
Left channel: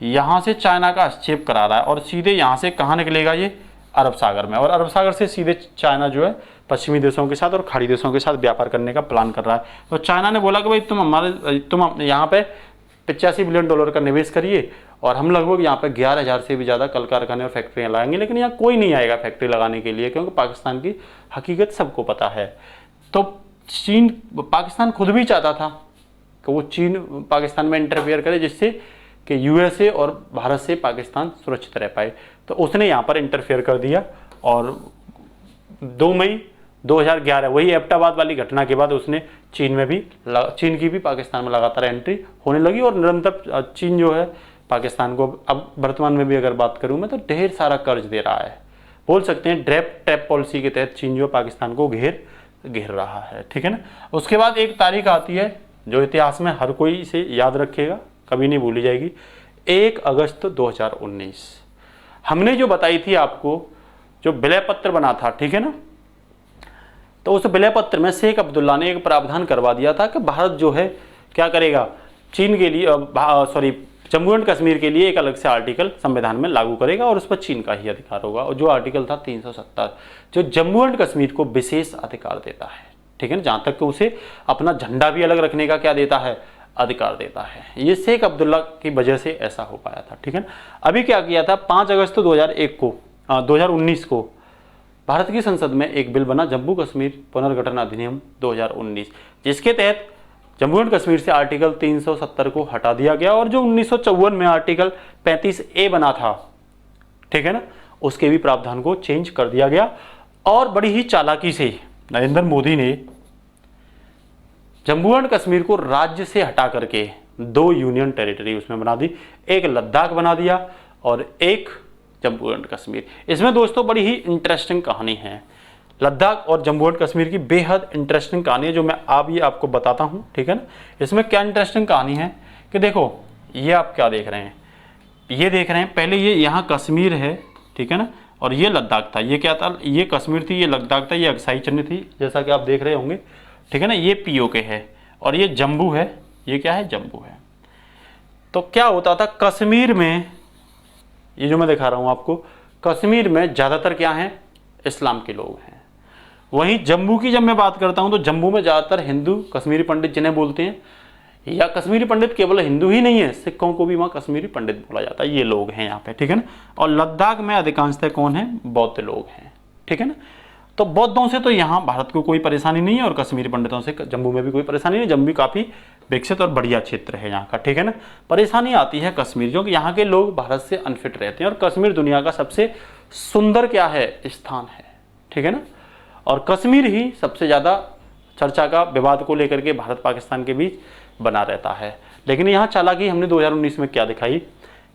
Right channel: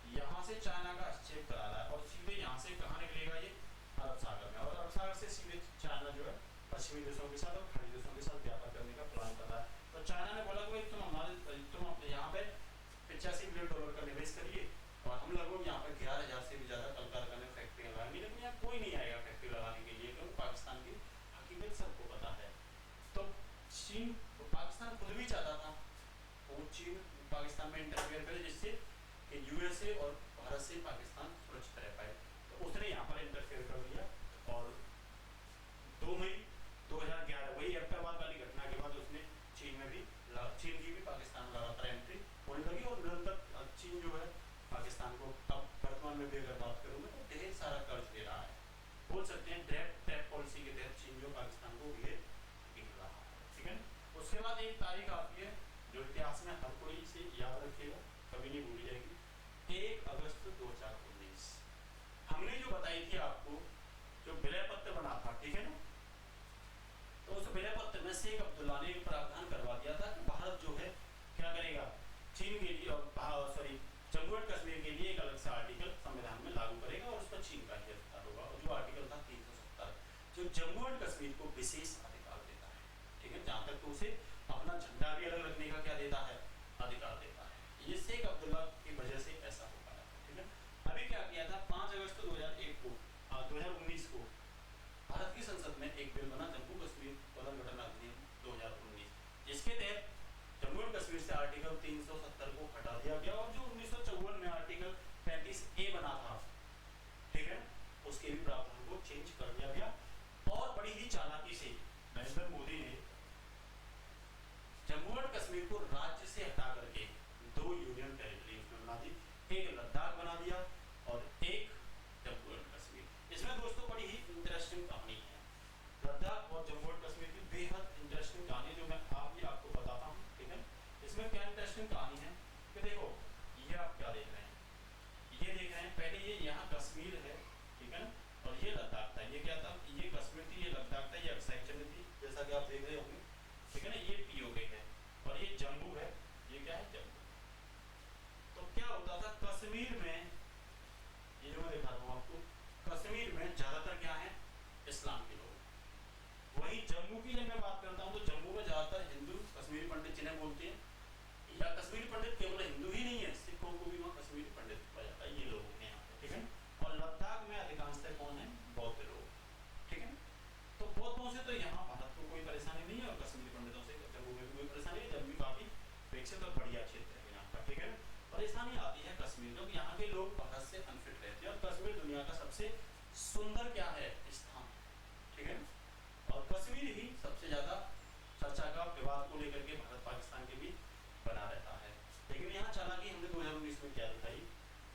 यहाँ से चाइना का हस्तक्षेप करा रहा है और सीधे यहाँ से कहाँ निकलेगा, ये अरब सागर में, और अरब सागर से सीधे चाइना जो है पश्चिमी देशों के साथ और खाड़ी देशों के साथ व्यापार करने का प्लान कर रहा है। तो चाइना ने बोला कि भाई तुम यहाँ पे $85 बिलियन का निवेश करिए और हम लगभग यहाँ पे 11,000 से भी ज़्यादा कल कारखाने और फैक्ट्रियाँ लगाएंगे, लेकिन यहाँ कोई नहीं आएगा फैक्ट्री लगाने के लिए, क्योंकि पाकिस्तान की हकीकत सबको पता है। तो पाकिस्तान खुद भी चाहता था कि वो चीन पाकिस्तान में इंटरफेयर करे, जिससे कि USA और भारत से पाकिस्तान सुरक्षित रह पाए। तो उसने यहाँ पर इंटरफेयर कर दिया और 2 मई 2011 वही एबटाबाद वाली घटना के बाद उसने चीन की भी पाकिस्तान में लगातार एंट्री होने लगी और निरंतर चीन जो है पाकिस्तान को, अब वर्तमान में भी अगर बात करूँ मैं, तो ढेर सारा कर्ज दे रहा है। बोल सकते हैं ट्रैप पॉलिसी के तहत चीन जो पाकिस्तान को घेर रहा है, ठीक है ना। उसके बाद एक तारीख आती है जो इतिहास में हर कोई इसे याद रखेगा, कभी नहीं भूली जाएगी, 1 अगस्त 2019। हमने जो बताई थी आपको, जो विलय पत्र बना था, ठीक है ना, तो उस विलय पत्र में शेख अब्दुल्ला ने एक प्रावधान करवा दिया था कि भारत जो है क्या करेगा चीन के लिए जम्मू एंड कश्मीर के लिए एक अलग से आर्टिकल संविधान में लागू करेगा और उस पर चीन का ही अधिकार होगा। और जो आर्टिकल था 370 जो जम्मू एंड कश्मीर को विशेष अधिकार देता है, ठीक है ना, जहां तक कि उसे अपना झंडा भी अलग रखने का क्या देता है, अधिकार देता है। ये शेख अब्दुल्ला की वजह से ऐसा हो पाया था, ठीक है ना। अभी क्या किया था, 5 अगस्त 2019 को भारत की संसद में एक बिल बना, जम्मू कश्मीर पुनर्गठन अधिनियम 2019, जिसके तहत जम्मू एंड कश्मीर से आर्टिकल 370 को हटा दिया गया और जो 1954 में आर्टिकल 35A बना था, ठीक है ना, उसके भी प्रावधान को चेंज कर दिया गया। और बड़ी ही चालाकी से नरेंद्र मोदी ने जम्मू एंड कश्मीर को राज्य से हटा करके 2 यूनियन टेरिटरी उसमें बना दी, एक लद्दाख बना दिया और एक जम्मू एंड कश्मीर। इसमें दोस्तों बड़ी ही इंटरेस्टिंग कहानी है, लद्दाख और जम्मू एंड कश्मीर की बेहद इंटरेस्टिंग कहानी है जो मैं आपको बताता हूं, ठीक है ना। इसमें क्या इंटरेस्टिंग कहानी है कि देखो, ये आप क्या देख रहे हैं, ये देख रहे हैं, पहले ये यहाँ कश्मीर है, ठीक है ना, और ये लद्दाख था। ये क्या था, ये कश्मीर थी, ये लद्दाख था, ये अक्साई चिन्ह थी जैसा कि आप देख रहे होंगे, ठीक है ना। ये POK है और ये जम्मू है, ये क्या है, जम्मू है। तो क्या होता था कश्मीर में, ये जो मैं दिखा रहा हूं आपको, कश्मीर में ज्यादातर क्या है, इस्लाम के लोग हैं। वहीं जम्मू की जब मैं बात करता हूं तो जम्मू में ज्यादातर हिंदू, कश्मीरी पंडित जिन्हें बोलते हैं, या कश्मीरी पंडित केवल हिंदू ही नहीं है, सिखों को भी वहां कश्मीरी पंडित बोला जाता है, ये लोग हैं यहाँ पे, ठीक है ना। और लद्दाख में अधिकांशतः कौन है, बौद्ध लोग हैं, ठीक है ना। तो बौद्धों से तो यहाँ भारत को कोई परेशानी नहीं है और कश्मीरी पंडितों से जम्मू में भी कोई परेशानी नहीं। जम्मू भी काफी विकसित और बढ़िया क्षेत्र है यहाँ का, ठीक है ना। परेशानी आती है कश्मीर, क्योंकि यहाँ के लोग भारत से अनफिट रहते हैं और कश्मीर दुनिया का सबसे सुंदर क्या है, स्थान है, ठीक है ना। और कश्मीर ही सबसे ज्यादा चर्चा का विवाद को लेकर के भारत पाकिस्तान के बीच बना रहता है। लेकिन यहाँ चालाकी हमने 2019 में क्या दिखाई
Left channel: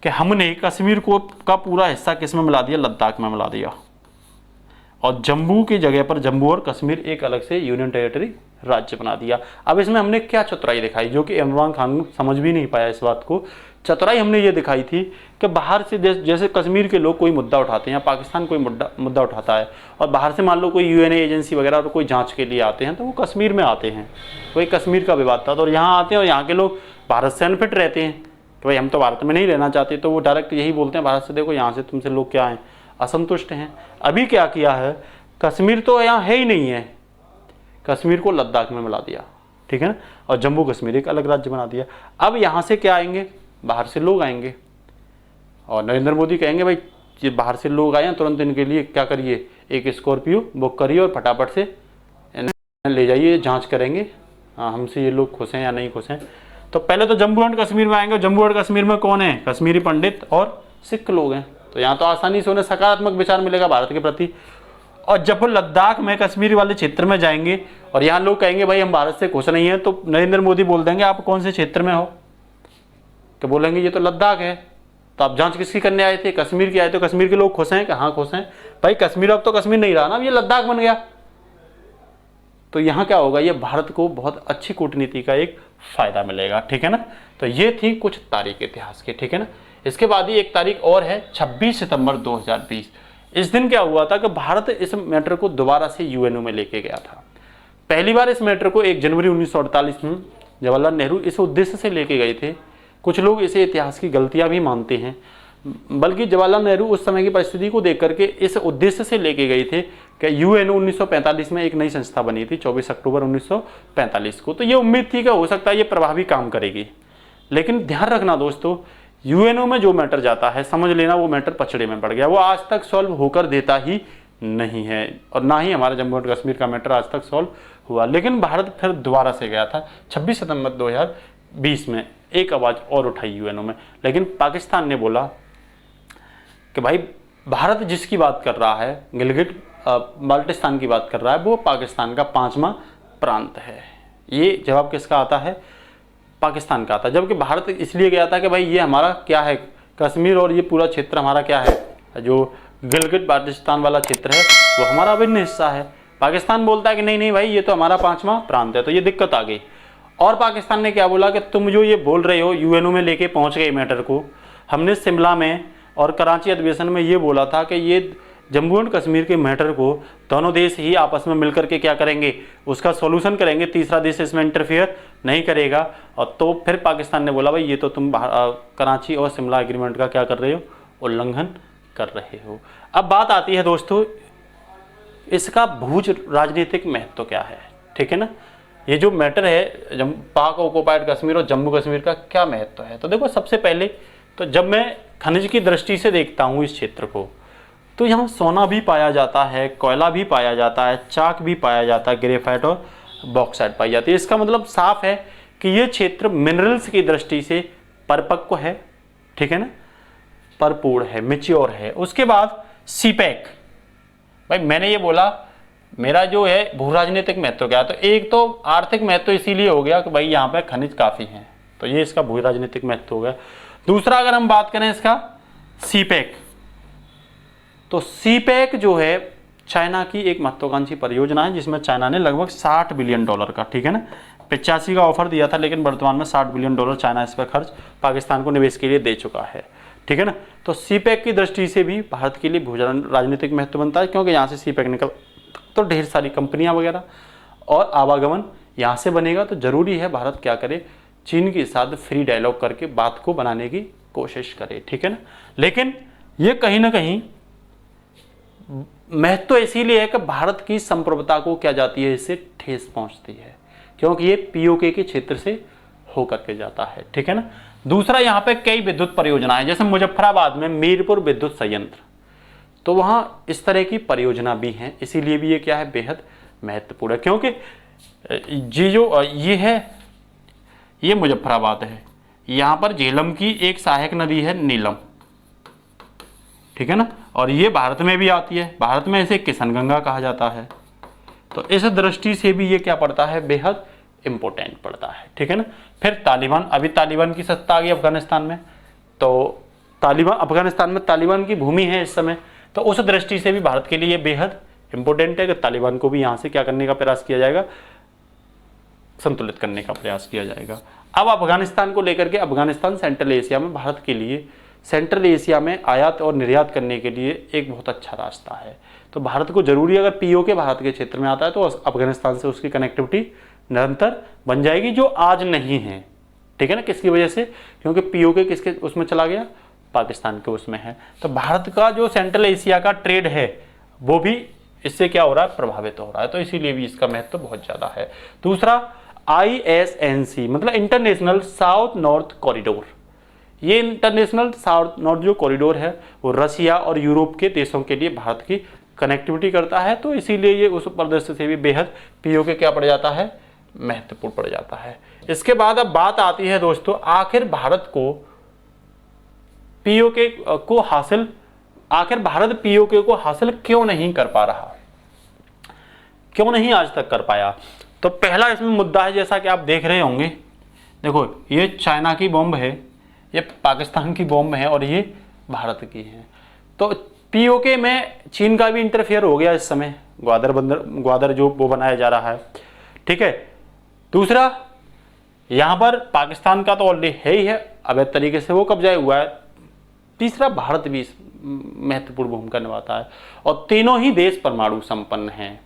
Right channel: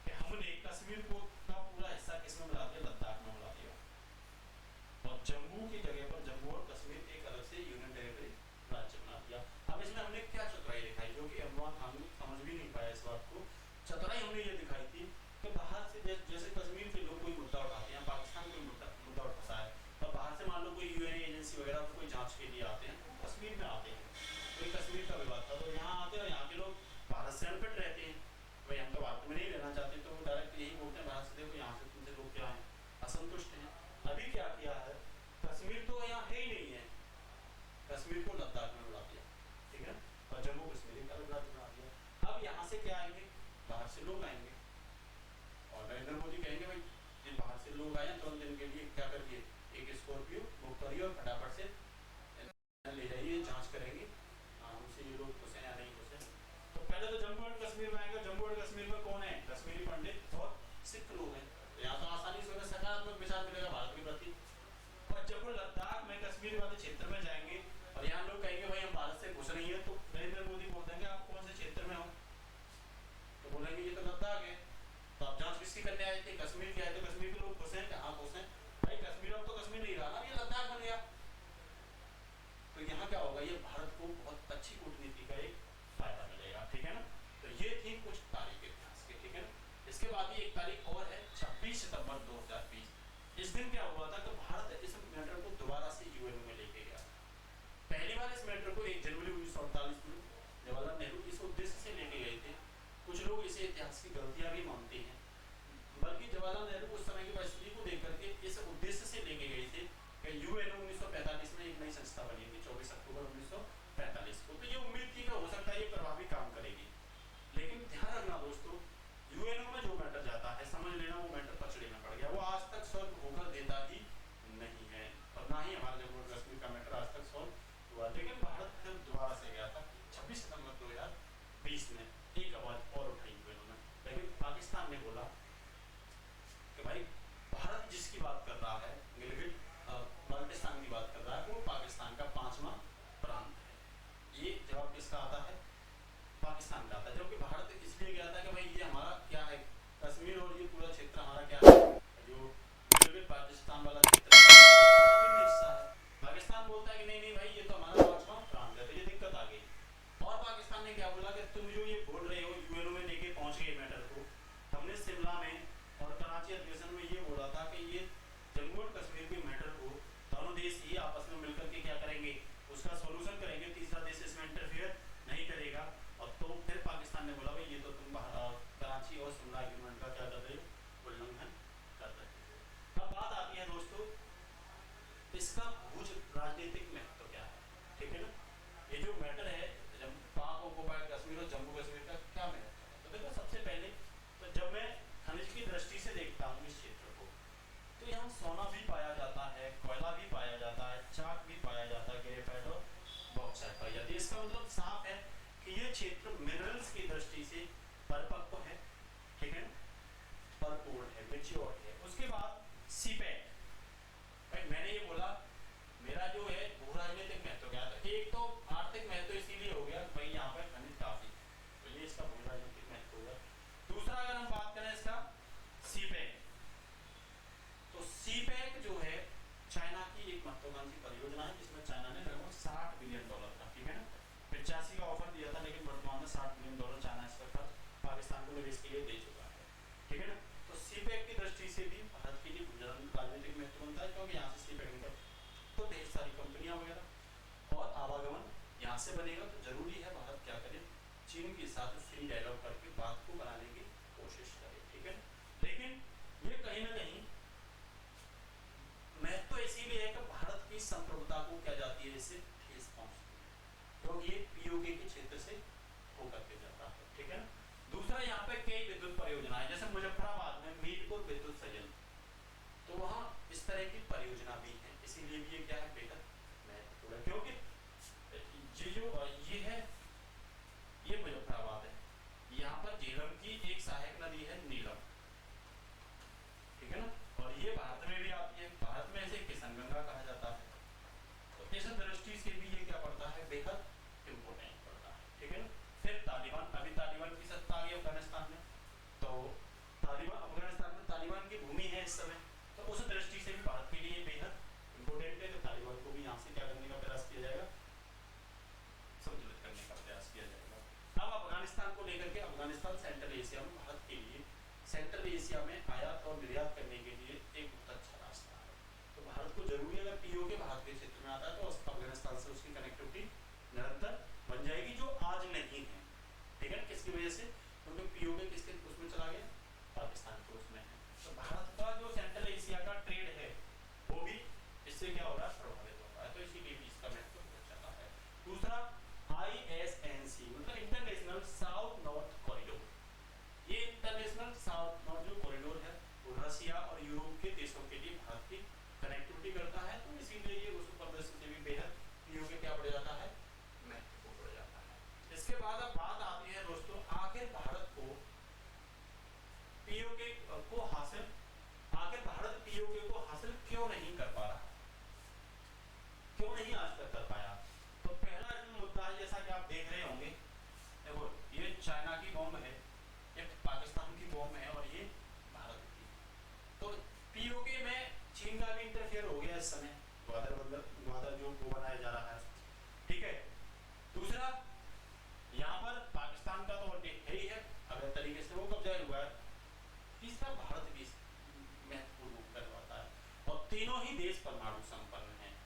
कि हमने कश्मीर को का पूरा हिस्सा किस में मिला दिया, लद्दाख में मिला दिया, और जम्मू की जगह पर जम्मू और कश्मीर एक अलग से यूनियन टेरिटरी राज्य बना दिया। अब इसमें हमने क्या चतुराई दिखाई, जो कि इमरान खान समझ भी नहीं पाया इस बात को। चतुराई हमने ये दिखाई थी कि बाहर से जैसे कश्मीर के लोग कोई मुद्दा उठाते हैं, पाकिस्तान कोई मुद्दा उठाता है और बाहर से मान लो कोई UN एजेंसी वगैरह और कोई जांच के लिए आते हैं, तो वो कश्मीर में आते हैं, वही कश्मीर का विवाद था, तो यहाँ आते हैं और यहाँ के लोग भारत से अनफिट रहते हैं, तो भाई हम तो भारत में नहीं रहना चाहते, तो वो डायरेक्ट यही बोलते हैं भारत से, देखो यहाँ से तुमसे लोग क्या हैं, असंतुष्ट हैं। अभी क्या किया है, कश्मीर तो यहाँ है ही नहीं है, कश्मीर को लद्दाख में मिला दिया, ठीक है ना, और जम्मू कश्मीर एक अलग राज्य बना दिया। अब यहाँ से क्या आएंगे, बाहर से लोग आएंगे और नरेंद्र मोदी कहेंगे भाई ये बाहर से लोग आए हैं, तुरंत इनके लिए क्या करिए, एक स्कॉर्पियो बुक करिए और फटाफट से ले जाइए, जांच करेंगे हमसे ये लोग खुश हैं या नहीं खुश हैं। तो पहले तो जम्मू एंड कश्मीर में आएंगे, जम्मू एंड कश्मीर में कौन है, कश्मीरी पंडित और सिख लोग हैं, तो यहाँ तो आसानी से उन्हें सकारात्मक विचार मिलेगा भारत के प्रति। और जब वो लद्दाख में कश्मीर वाले क्षेत्र में जाएंगे और यहाँ लोग कहेंगे भाई हम भारत से खुश नहीं है, तो नरेंद्र मोदी बोल देंगे आप कौन से क्षेत्र में हो, तो बोलेंगे ये तो लद्दाख है, तो आप जांच किसकी करने आए थे, कश्मीर की आए, तो कश्मीर के लोग खुश हैं, कहाँ खुश हैं भाई, कश्मीर अब तो कश्मीर नहीं रहा ना, अब ये लद्दाख बन गया। तो यहाँ क्या होगा, ये भारत को बहुत अच्छी कूटनीति का एक फायदा मिलेगा, ठीक है ना। तो ये थी कुछ तारीख इतिहास के, ठीक है ना। इसके बाद ही एक तारीख और है 26 सितंबर 2020। इस दिन क्या हुआ था कि भारत इस मैटर को दोबारा से UNO में लेके गया था। पहली बार इस मैटर को 1 जनवरी 1948 में जवाहरलाल नेहरू इस उद्देश्य से लेके गए थे। कुछ लोग इसे इतिहास की गलतियां भी मानते हैं, बल्कि जवाहरलाल नेहरू उस समय की परिस्थिति को देख करके इस उद्देश्य से लेके गए थे कि UNO 1945 में एक नई संस्था बनी थी 24 अक्टूबर 1945 को। तो ये उम्मीद थी कि हो सकता है ये प्रभावी काम करेगी। लेकिन ध्यान रखना दोस्तों, UNO में जो मैटर जाता है, समझ लेना वो मैटर पचड़े में पड़ गया, वो आज तक सॉल्व होकर देता ही नहीं है, और ना ही हमारा जम्मू एंड कश्मीर का मैटर आज तक सॉल्व हुआ। लेकिन भारत फिर दोबारा से गया था 26 सितंबर 2020 में, एक आवाज और उठाई UNO में। लेकिन पाकिस्तान ने बोला कि भाई भारत जिसकी बात कर रहा है, गिलगिट बाल्टिस्तान की बात कर रहा है, वो पाकिस्तान का 5वां प्रांत है। ये जवाब किसका आता है, पाकिस्तान का आता। जबकि भारत इसलिए गया था कि भाई ये हमारा क्या है, कश्मीर और ये पूरा क्षेत्र हमारा क्या है, जो गिलगिट बाल्टिस्तान वाला क्षेत्र है वो हमारा अभिन्न हिस्सा है। पाकिस्तान बोलता है कि नहीं नहीं भाई ये तो हमारा 5वां प्रांत है, तो ये दिक्कत आ गई। और पाकिस्तान ने क्या बोला कि तुम जो ये बोल रहे हो, UNO में लेके पहुंच गए मैटर को, हमने शिमला में और कराची अधिवेशन में ये बोला था कि ये जम्मू एंड कश्मीर के मैटर को दोनों देश ही आपस में मिलकर के क्या करेंगे, उसका सॉल्यूशन करेंगे, तीसरा देश इसमें इंटरफेयर नहीं करेगा। और तो फिर पाकिस्तान ने बोला भाई ये तो तुम कराची और शिमला एग्रीमेंट का क्या कर रहे हो, उल्लंघन कर रहे हो। अब बात आती है दोस्तों इसका भू राजनीतिक महत्व क्या है, ठीक है ना। ये जो मैटर है पाक ऑक्युपाइड कश्मीर और जम्मू कश्मीर का क्या महत्व है, तो देखो सबसे पहले तो जब मैं खनिज की दृष्टि से देखता हूँ इस क्षेत्र को, तो यहाँ सोना भी पाया जाता है, कोयला भी पाया जाता है, चाक भी पाया जाता है, ग्रेफाइट और बॉक्साइट पाई जाती है। इसका मतलब साफ है कि ये क्षेत्र मिनरल्स की दृष्टि से परिपक्व है, ठीक है ना, भरपूर है, मैच्योर है। उसके बाद सीपैक, भाई मैंने ये बोला मेरा जो है भू राजनीतिक महत्व क्या है, तो एक तो आर्थिक महत्व इसीलिए हो गया कि भाई यहाँ पे खनिज काफ़ी हैं, तो ये इसका भू राजनीतिक महत्व हो गया। दूसरा अगर हम बात करें इसका सीपैक, तो सीपैक जो है चाइना की एक महत्वाकांक्षी परियोजना है जिसमें चाइना ने लगभग $60 बिलियन का, ठीक है ना, 85 का ऑफर दिया था, लेकिन वर्तमान में $60 बिलियन चाइना इस पर खर्च पाकिस्तान को निवेश के लिए दे चुका है, ठीक है ना। तो सीपैक की दृष्टि से भी भारत के लिए भू राजनीतिक महत्व बनता है, क्योंकि यहाँ से सीपैक निकल तो ढेर सारी कंपनियां वगैरह और आवागमन यहाँ से बनेगा, तो जरूरी है भारत क्या करे, चीन के साथ फ्री डायलॉग करके बात को बनाने की कोशिश करे, ठीक है ना। लेकिन ये कहीं ना कहीं महत्व इसीलिए है कि भारत की संप्रभुता को क्या जाती है, इससे ठेस पहुंचती है, क्योंकि ये पीओके के क्षेत्र से होकर के जाता है, ठीक है ना। दूसरा यहाँ पे कई विद्युत परियोजनाएं, जैसे मुजफ्फराबाद में मीरपुर विद्युत संयंत्र, तो वहाँ इस तरह की परियोजना भी हैं, इसीलिए भी ये क्या है, बेहद महत्वपूर्ण है, क्योंकि ये है, ये मुजफ्फराबाद है, यहाँ पर झेलम की एक सहायक नदी है नीलम, ठीक है ना, और ये भारत में भी आती है, भारत में इसे किशनगंगा कहा जाता है। तो इस दृष्टि से भी ये क्या पड़ता है, बेहद इंपॉर्टेंट पड़ता है, ठीक है ना। फिर तालिबान, अभी तालिबान की सत्ता आ गई अफगानिस्तान में, तो अफगानिस्तान में तालिबान की भूमि है इस समय, तो उस दृष्टि से भी भारत के लिए बेहद इंपॉर्टेंट है कि तालिबान को भी यहाँ से क्या करने का प्रयास किया जाएगा, संतुलित करने का प्रयास किया जाएगा। अब अफगानिस्तान को लेकर के, अफगानिस्तान सेंट्रल एशिया में भारत के लिए, सेंट्रल एशिया में आयात और निर्यात करने के लिए एक बहुत अच्छा रास्ता है। तो भारत को जरूरी, अगर पीओके भारत के क्षेत्र में आता है तो अफगानिस्तान से उसकी कनेक्टिविटी निरंतर बन जाएगी, जो आज नहीं है, ठीक है ना। किसकी वजह से, क्योंकि पीओके किसके उसमें चला गया, पाकिस्तान के उसमें है। तो भारत का जो सेंट्रल एशिया का ट्रेड है वो भी इससे क्या हो रहा है, प्रभावित हो रहा है, तो इसीलिए भी इसका महत्व बहुत ज्यादा है। दूसरा ISNC मतलब इंटरनेशनल साउथ नॉर्थ कॉरिडोर, ये इंटरनेशनल साउथ नॉर्थ जो कॉरिडोर है वो रशिया और यूरोप के देशों के लिए भारत की कनेक्टिविटी करता है, तो इसीलिए ये उस परिदृश्य से भी बेहद पीओके क्या पड़ जाता है, महत्वपूर्ण पड़ जाता है। इसके बाद अब बात आती है दोस्तों, आखिर भारत को पीओके को हासिल, आखिर भारत पीओके को हासिल क्यों नहीं कर पा रहा, क्यों नहीं आज तक कर पाया। तो पहला इसमें मुद्दा है, जैसा कि आप देख रहे होंगे, देखो ये चाइना की बॉम्ब है, ये पाकिस्तान की बॉम्ब है और ये भारत की है। तो पीओके में चीन का भी इंटरफेयर हो गया इस समय, ग्वादर जो वो बनाया जा रहा है, ठीक है। दूसरा यहाँ पर पाकिस्तान का तो ऑलरेडी है ही है, अवैध तरीके से वो कब्जा हुआ है। तीसरा भारत भी महत्वपूर्ण भूमिका निभाता है, और तीनों ही देश परमाणु संपन्न हैं।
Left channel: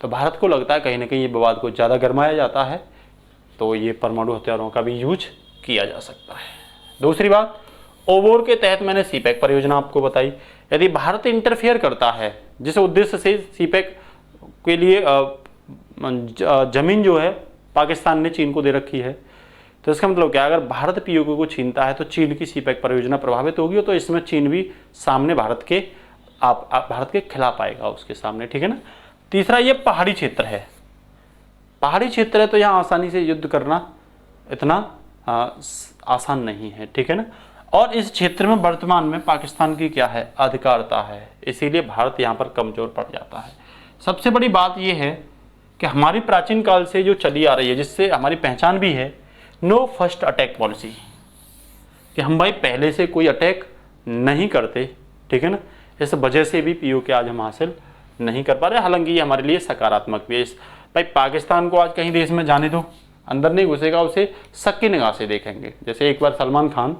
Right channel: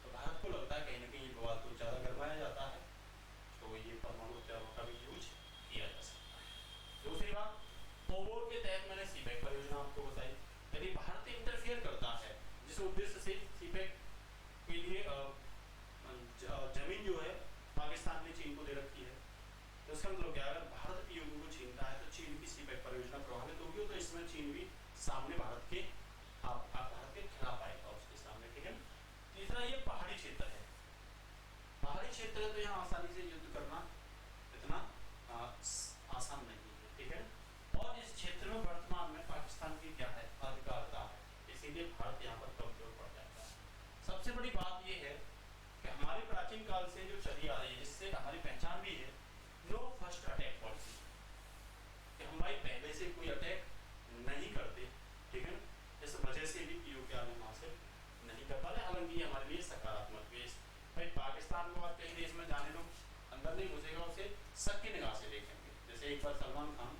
तो भारत को लगता है कहीं ना कहीं ये विवाद को ज़्यादा गरमाया जाता है, तो ये परमाणु हथियारों का भी यूज किया जा सकता है। दूसरी बात, ओवोर के तहत मैंने सीपैक परियोजना आपको बताई, यदि भारत इंटरफेयर करता है जिस उद्देश्य से सीपैक के लिए जमीन जो है पाकिस्तान ने चीन को दे रखी है, तो इसका मतलब क्या है, अगर भारत पीओके को छीनता है तो चीन की सीपैक परियोजना प्रभावित होगी, तो इसमें चीन भी सामने भारत के खिलाफ आएगा उसके सामने, ठीक है ना। तीसरा ये पहाड़ी क्षेत्र है, पहाड़ी क्षेत्र है तो यहाँ आसानी से युद्ध करना इतना आसान नहीं है, ठीक है ना। और इस क्षेत्र में वर्तमान में पाकिस्तान की क्या है, अधिकारता है, इसीलिए भारत यहाँ पर कमजोर पड़ जाता है। सबसे बड़ी बात यह है कि हमारी प्राचीन काल से जो चली आ रही है, जिससे हमारी पहचान भी है, नो फर्स्ट अटैक पॉलिसी, कि हम भाई पहले से कोई अटैक नहीं करते, ठीक है ना। इस वजह से भी पीओके आज हम हासिल नहीं कर पा रहे, हालांकि ये हमारे लिए सकारात्मक भी है। भाई पाकिस्तान को आज कहीं देश में जाने दो, अंदर नहीं घुसेगा, उसे शक की निगाह से देखेंगे। जैसे एक बार सलमान खान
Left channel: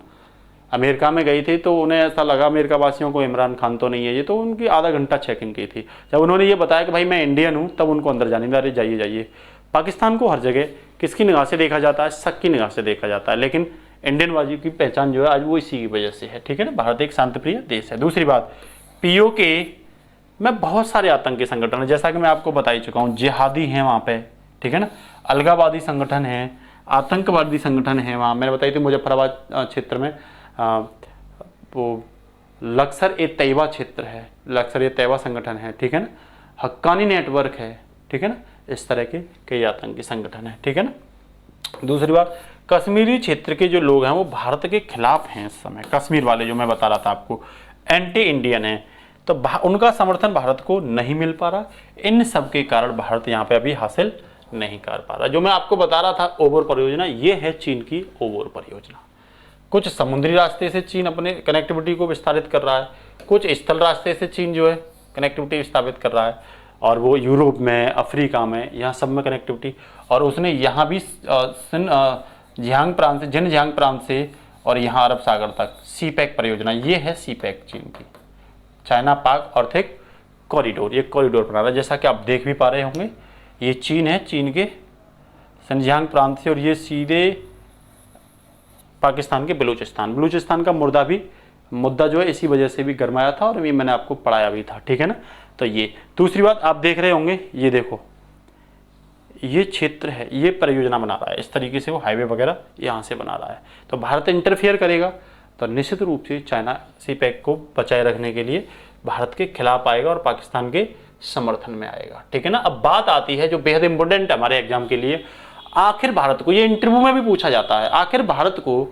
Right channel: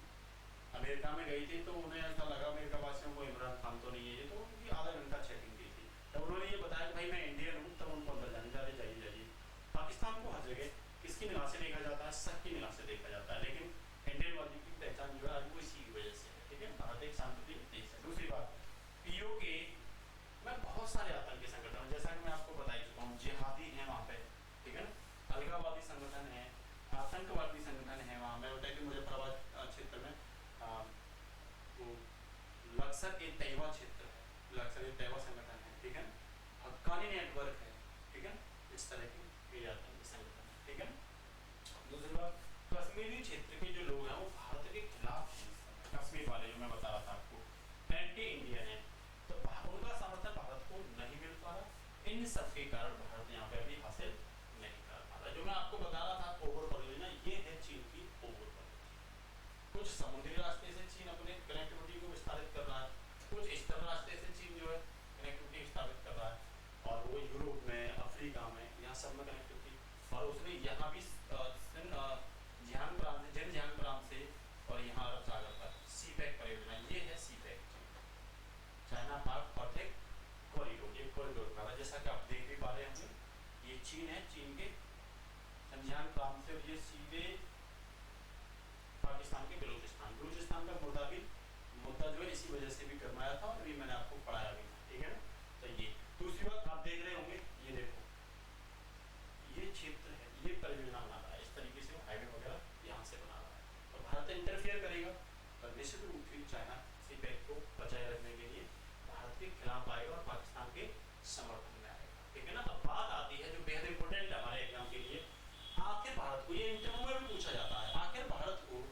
अमेरिका में गई थी तो उन्हें ऐसा लगा अमेरिका वासियों को इमरान खान तो नहीं है ये, तो उनकी आधा घंटा चेकिंग की थी। जब उन्होंने ये बताया कि भाई मैं इंडियन हूँ, तब उनको अंदर जाने दिया, अरे जाइए जाइए। पाकिस्तान को हर जगह किसकी निगाह से देखा जाता है? शक की निगाह से देखा जाता है, लेकिन इंडियन वाजी की पहचान जो है आज वो इसी की वजह से है, ठीक है ना। भारत एक शांतिप्रिय देश है। दूसरी बात, पीओके में बहुत सारे आतंकी संगठन है, जैसा कि मैं आपको बता ही चुका हूँ, जिहादी हैं वहाँ पे, ठीक है ना, अलगावादी संगठन है, आतंकवादी संगठन है वहाँ। मैंने बताई थी मुजफ्फराबाद क्षेत्र में वो लश्कर ए तैयबा क्षेत्र है, लश्कर ए तैयबा संगठन है, ठीक है ना, हक्कानी नेटवर्क है, ठीक है ना, इस तरह के कई आतंकी संगठन है, ठीक है ना। दूसरी बात, कश्मीरी क्षेत्र के जो लोग हैं वो भारत के खिलाफ हैं इस समय, कश्मीर वाले जो मैं बता रहा था आपको, एंटी इंडियन है, तो उनका समर्थन भारत को नहीं मिल पा रहा। इन सब के कारण भारत यहाँ पे अभी हासिल नहीं कर पा रहा। जो मैं आपको बता रहा था ओवर परियोजना, ये है चीन की ओवर परियोजना। कुछ समुद्री रास्ते से चीन अपने कनेक्टिविटी को विस्तारित कर रहा है, कुछ स्थल रास्ते से चीन जो है कनेक्टिविटी विस्तारित कर रहा है, और वो यूरोप में, अफ्रीका में, यहाँ सब में कनेक्टिविटी। और उसने यहाँ भी जियांग प्रांत से, जिनजियांग प्रांत से और यहाँ अरब सागर तक सीपैक परियोजना, ये है सीपैक चीन की, चाइना पाक आर्थिक कॉरिडोर, ये कॉरिडोर बना रहा है। जैसा कि आप देख भी पा रहे होंगे, ये चीन है, चीन के शिनजियांग प्रांत से, और ये सीधे पाकिस्तान के बलूचिस्तान का मुद्दा जो है इसी वजह से भी गरमाया था, और ये मैंने आपको पढ़ाया भी था, ठीक है ना। तो ये दूसरी बात आप देख रहे होंगे, ये देखो, ये क्षेत्र है, ये परियोजना बना रहा है, इस तरीके से वो हाईवे वगैरह यहाँ से बना रहा है। तो भारत इंटरफियर करेगा तो निश्चित रूप से चाइना सीपैक को बचाए रखने के लिए भारत के खिलाफ आएगा और पाकिस्तान के समर्थन में आएगा, ठीक है ना। अब बात आती है जो बेहद इंपॉर्टेंट है हमारे एग्जाम के लिए, आखिर भारत को, ये इंटरव्यू में भी पूछा जाता है, आखिर भारत को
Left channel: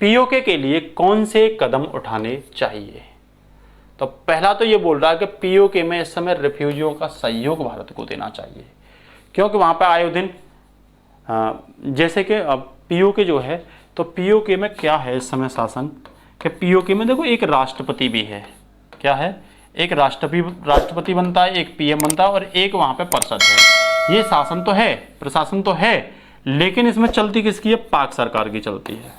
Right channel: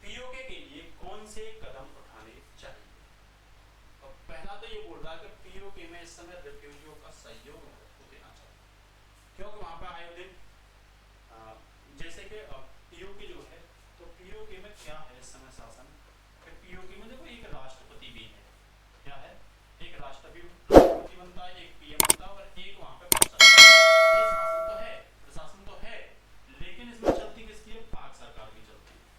पीओके के लिए कौन से कदम उठाने चाहिए। तो पहला तो ये बोल रहा है कि पीओके में इस समय रिफ्यूजियों का सहयोग भारत को देना चाहिए, क्योंकि वहाँ पर आए दिन जैसे कि पीओके जो है, तो पीओके में क्या है इस समय शासन कि पीओके में देखो एक राष्ट्रपति भी है, क्या है, एक राष्ट्रपति बनता है, एक पीएम बनता है, और एक वहाँ पे परिषद है। ये शासन तो है, प्रशासन तो है, लेकिन इसमें चलती किसकी है? पाक सरकार की चलती है।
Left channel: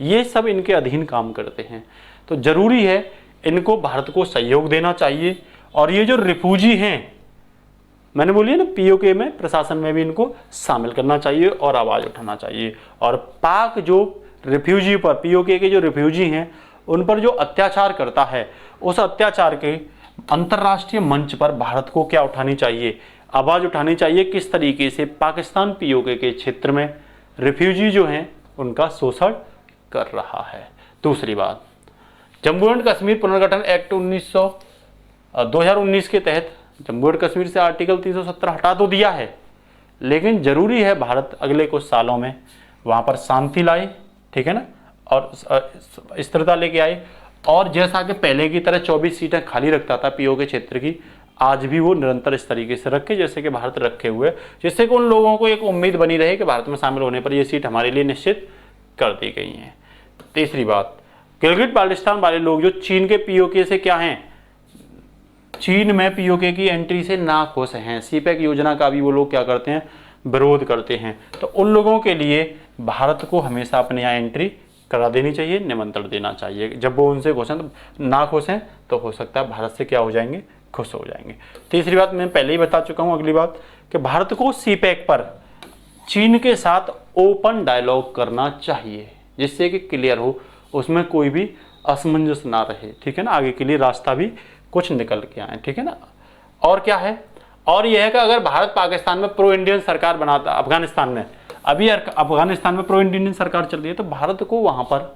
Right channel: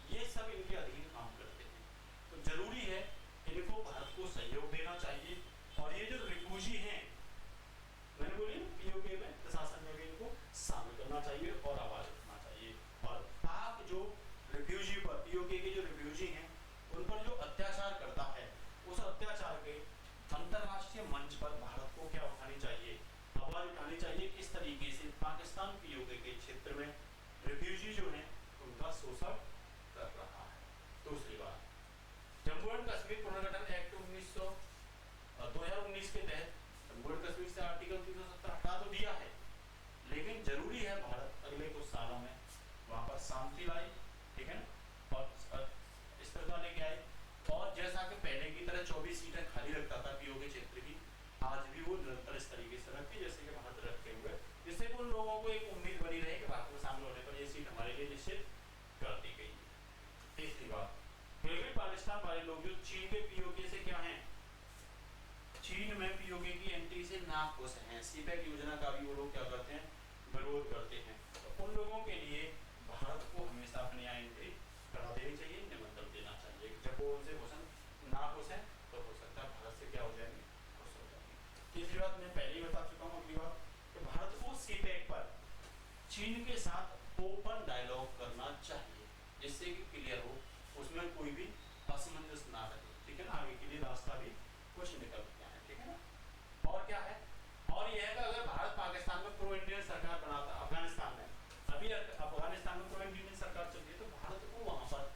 ये सब इनके अधीन काम करते हैं, तो जरूरी है इनको भारत को सहयोग देना चाहिए। और ये जो रिफ्यूजी हैं, मैंने बोली ना, पीओके में, प्रशासन में भी इनको शामिल करना चाहिए और आवाज उठाना चाहिए। और पाक जो रिफ्यूजी पर, पीओके के जो रिफ्यूजी हैं उन पर जो अत्याचार करता है, उस अत्याचार के अंतर्राष्ट्रीय मंच पर भारत को क्या उठानी चाहिए? आवाज उठानी चाहिए, किस तरीके से पाकिस्तान पीओके के क्षेत्र में रिफ्यूजी जो हैं उनका शोषण कर रहा है। दूसरी बात, जम्मू एंड कश्मीर पुनर्गठन एक्ट 2019 के तहत जम्मू एंड कश्मीर से आर्टिकल 370 हटा तो दिया है, लेकिन जरूरी है भारत अगले कुछ सालों में वहां पर शांति लाए, ठीक है ना, और स्थिरता लेके आए। और जैसा कि पहले की तरह 24 सीटें खाली रखता था पीओके क्षेत्र की, आज भी वो निरंतर इस तरीके से रखे जैसे कि भारत रखे हुए, जिससे कि उन लोगों को एक उम्मीद बनी रहे कि भारत में शामिल होने पर ये सीट हमारे लिए निश्चित कर दी गई हैं। तीसरी बात, गिलगिट बाल्टिस्तान वाले लोग जो चीन के पीओके से क्या हैं, चीन में पीओके की एंट्री से नाखुश हैं, सीपैक योजना का भी वो लोग क्या करते हैं? विरोध करते हैं। तो उन लोगों के लिए भारत को हमेशा अपने यहाँ एंट्री करा देनी चाहिए, निमंत्रण देना चाहिए। जब वो उनसे खुश हैं, तो नाखुश हैं, तो हो सकता है भारत से क्या हो जाएंगे? खुश हो जाएंगे। तीसरी बात मैं पहले ही बता चुका हूँ, अगली बात कि भारत को सीपैक पर चीन के साथ ओपन डायलॉग करना चाहिए, जिससे कि क्लियर हो, उसमें कोई भी असमंजस ना रहे, ठीक है ना, आगे के लिए रास्ता भी कुछ निकल के आए, ठीक है ना। और क्या है, और यह है कि अगर भारत पाकिस्तान में प्रो इंडियन सरकार बनाता, अफगानिस्तान में अभी अफगानिस्तान में प्रो इंडियन सरकार चल रही है, तो भारत को वहां पर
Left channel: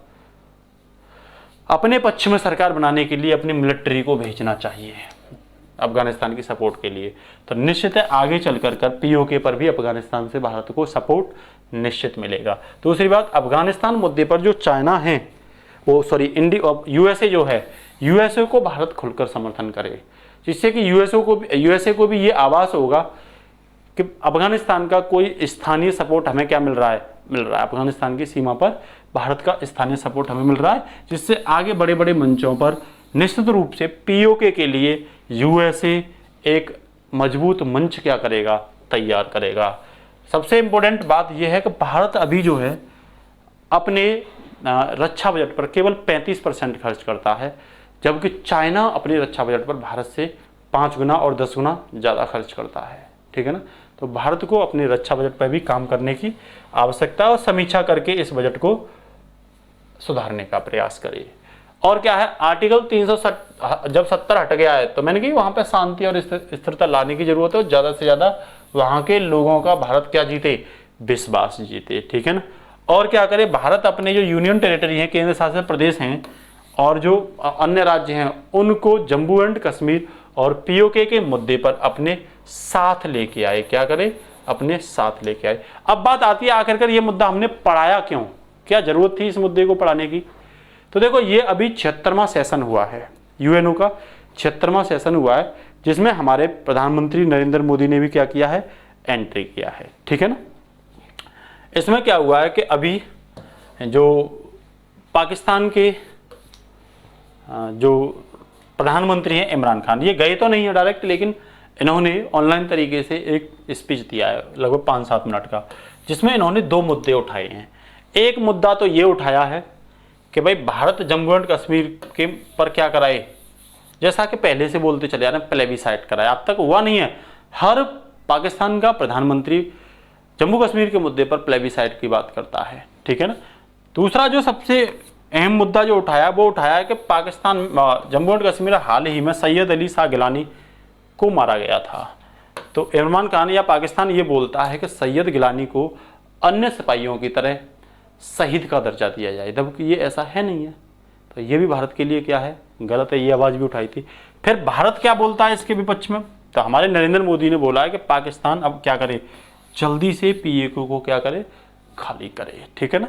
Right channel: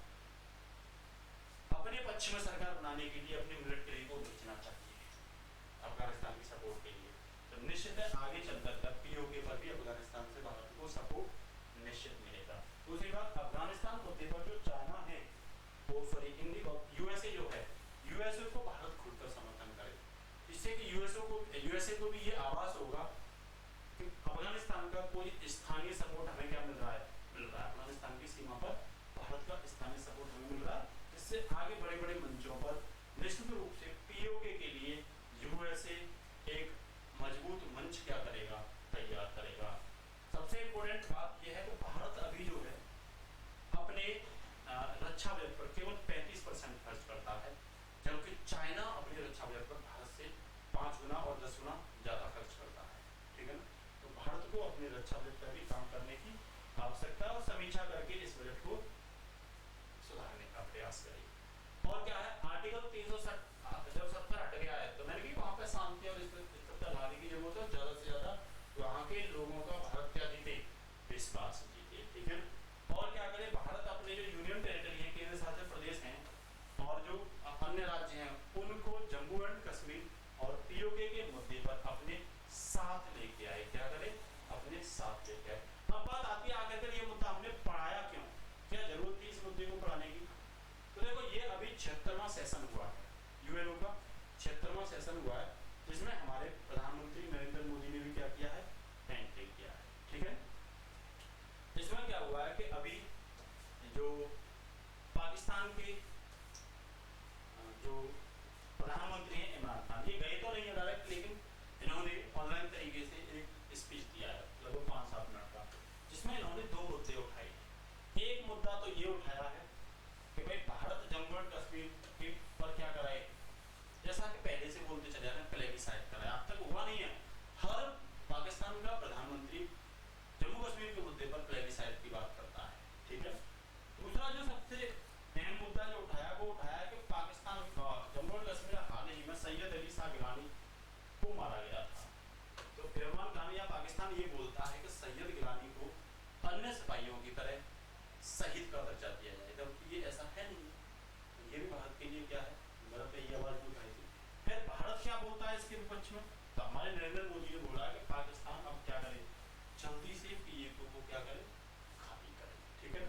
अपने पक्ष में सरकार बनाने के लिए अपनी मिलिट्री को भेजना चाहिए अफगानिस्तान की सपोर्ट के लिए। तो निश्चित है आगे चलकर पीओके पर भी अफगानिस्तान से भारत को सपोर्ट निश्चित मिलेगा। दूसरी बात, अफगानिस्तान मुद्दे पर जो चाइना है, वो यूएसए जो है, यूएसए को भारत खुलकर समर्थन करे, जिससे कि यूएसए को भी ये आभास होगा कि अफगानिस्तान का कोई स्थानीय सपोर्ट हमें क्या मिल रहा है, अफगानिस्तान की सीमा पर भारत का स्थानीय सपोर्ट हमें मिल रहा है, जिससे आगे बड़े बड़े मंचों पर निश्चित रूप से पीओके के लिए यूएसए एक मजबूत मंच क्या करेगा? तैयार करेगा। सबसे इंपॉर्टेंट बात यह है कि भारत अभी जो है अपने रक्षा बजट पर केवल 35% खर्च करता है, जबकि चाइना अपने रक्षा बजट पर भारत से 5 गुना और 10 गुना ज़्यादा खर्च करता है। ठीक है ना। तो भारत को अपने रक्षा बजट पर भी काम करने की आवश्यकता है और समीक्षा करके इस बजट को सुधारने का प्रयास करिए। और क्या है, आर्टिकल 370 जब 70 हट गया है तो मैंने कही वहां पे शांति और स्थिरता लाने की जरूरत है और ज्यादा से ज्यादा वहां के लोगों का भारत क्या जीते, विश्वास जीते। ठीक है ना। और क्या करे, भारत अपने जो यूनियन टेरिटरी है, केंद्र शासित प्रदेश हैं और जो अन्य राज्य हैं, उनको जम्मू एंड कश्मीर और पीओके के मुद्दे पर अपने साथ लेके आए। क्या करे, अपने साथ लेके आए। अब बात आती है आखिरकार ये मुद्दा हमने पढ़ाया क्यों, क्या जरूरत थी इस मुद्दे को पढ़ाने की। तो देखो, ये अभी 76वां सेशन हुआ है, यूएनओ का 76वां सेशन हुआ है, जिसमें हमारे प्रधानमंत्री नरेंद्र मोदी ने भी क्या किया है, एंट्री किया है। ठीक है ना। इसमें क्या हुआ है कि अभी जो पाकिस्तान के जो प्रधानमंत्री हैं इमरान खान, ये गए तो नहीं है डायरेक्ट, लेकिन इन्होंने ऑनलाइन तरीके से एक स्पीच दिया है लगभग 5-7 मिनट का, जिसमें इन्होंने 2 मुद्दे उठाए हैं। एक मुद्दा तो ये उठाया है कि भाई भारत जम्मू एंड कश्मीर के पर क्या कराए, जैसा कि पहले से बोलते चले आ रहे हैं, प्लेबिसाइट कराए। अब तक हुआ नहीं है। हर पाकिस्तान का प्रधानमंत्री जम्मू कश्मीर के मुद्दे पर प्लेबिसाइट की बात करता है। ठीक है ना। दूसरा जो सबसे अहम मुद्दा जो उठाया, वो उठाया है कि पाकिस्तान जम्मू एंड कश्मीर हाल ही में सैयद अली शाह गिलानी को मारा गया था। तो इमरान खान या पाकिस्तान ये बोलता है कि सैयद गिलानी को अन्य सिपाहियों की तरह शहीद का दर्जा दिया जाए, जबकि ये ऐसा है नहीं है। तो ये भी भारत के लिए क्या है, गलत है। ये आवाज़ भी उठाई थी। फिर भारत क्या बोलता है इसके विपक्ष में, तो हमारे नरेंद्र मोदी ने बोला है कि पाकिस्तान अब क्या करे, जल्दी से पीएके को क्या करे, खाली करे। ठीक है ना।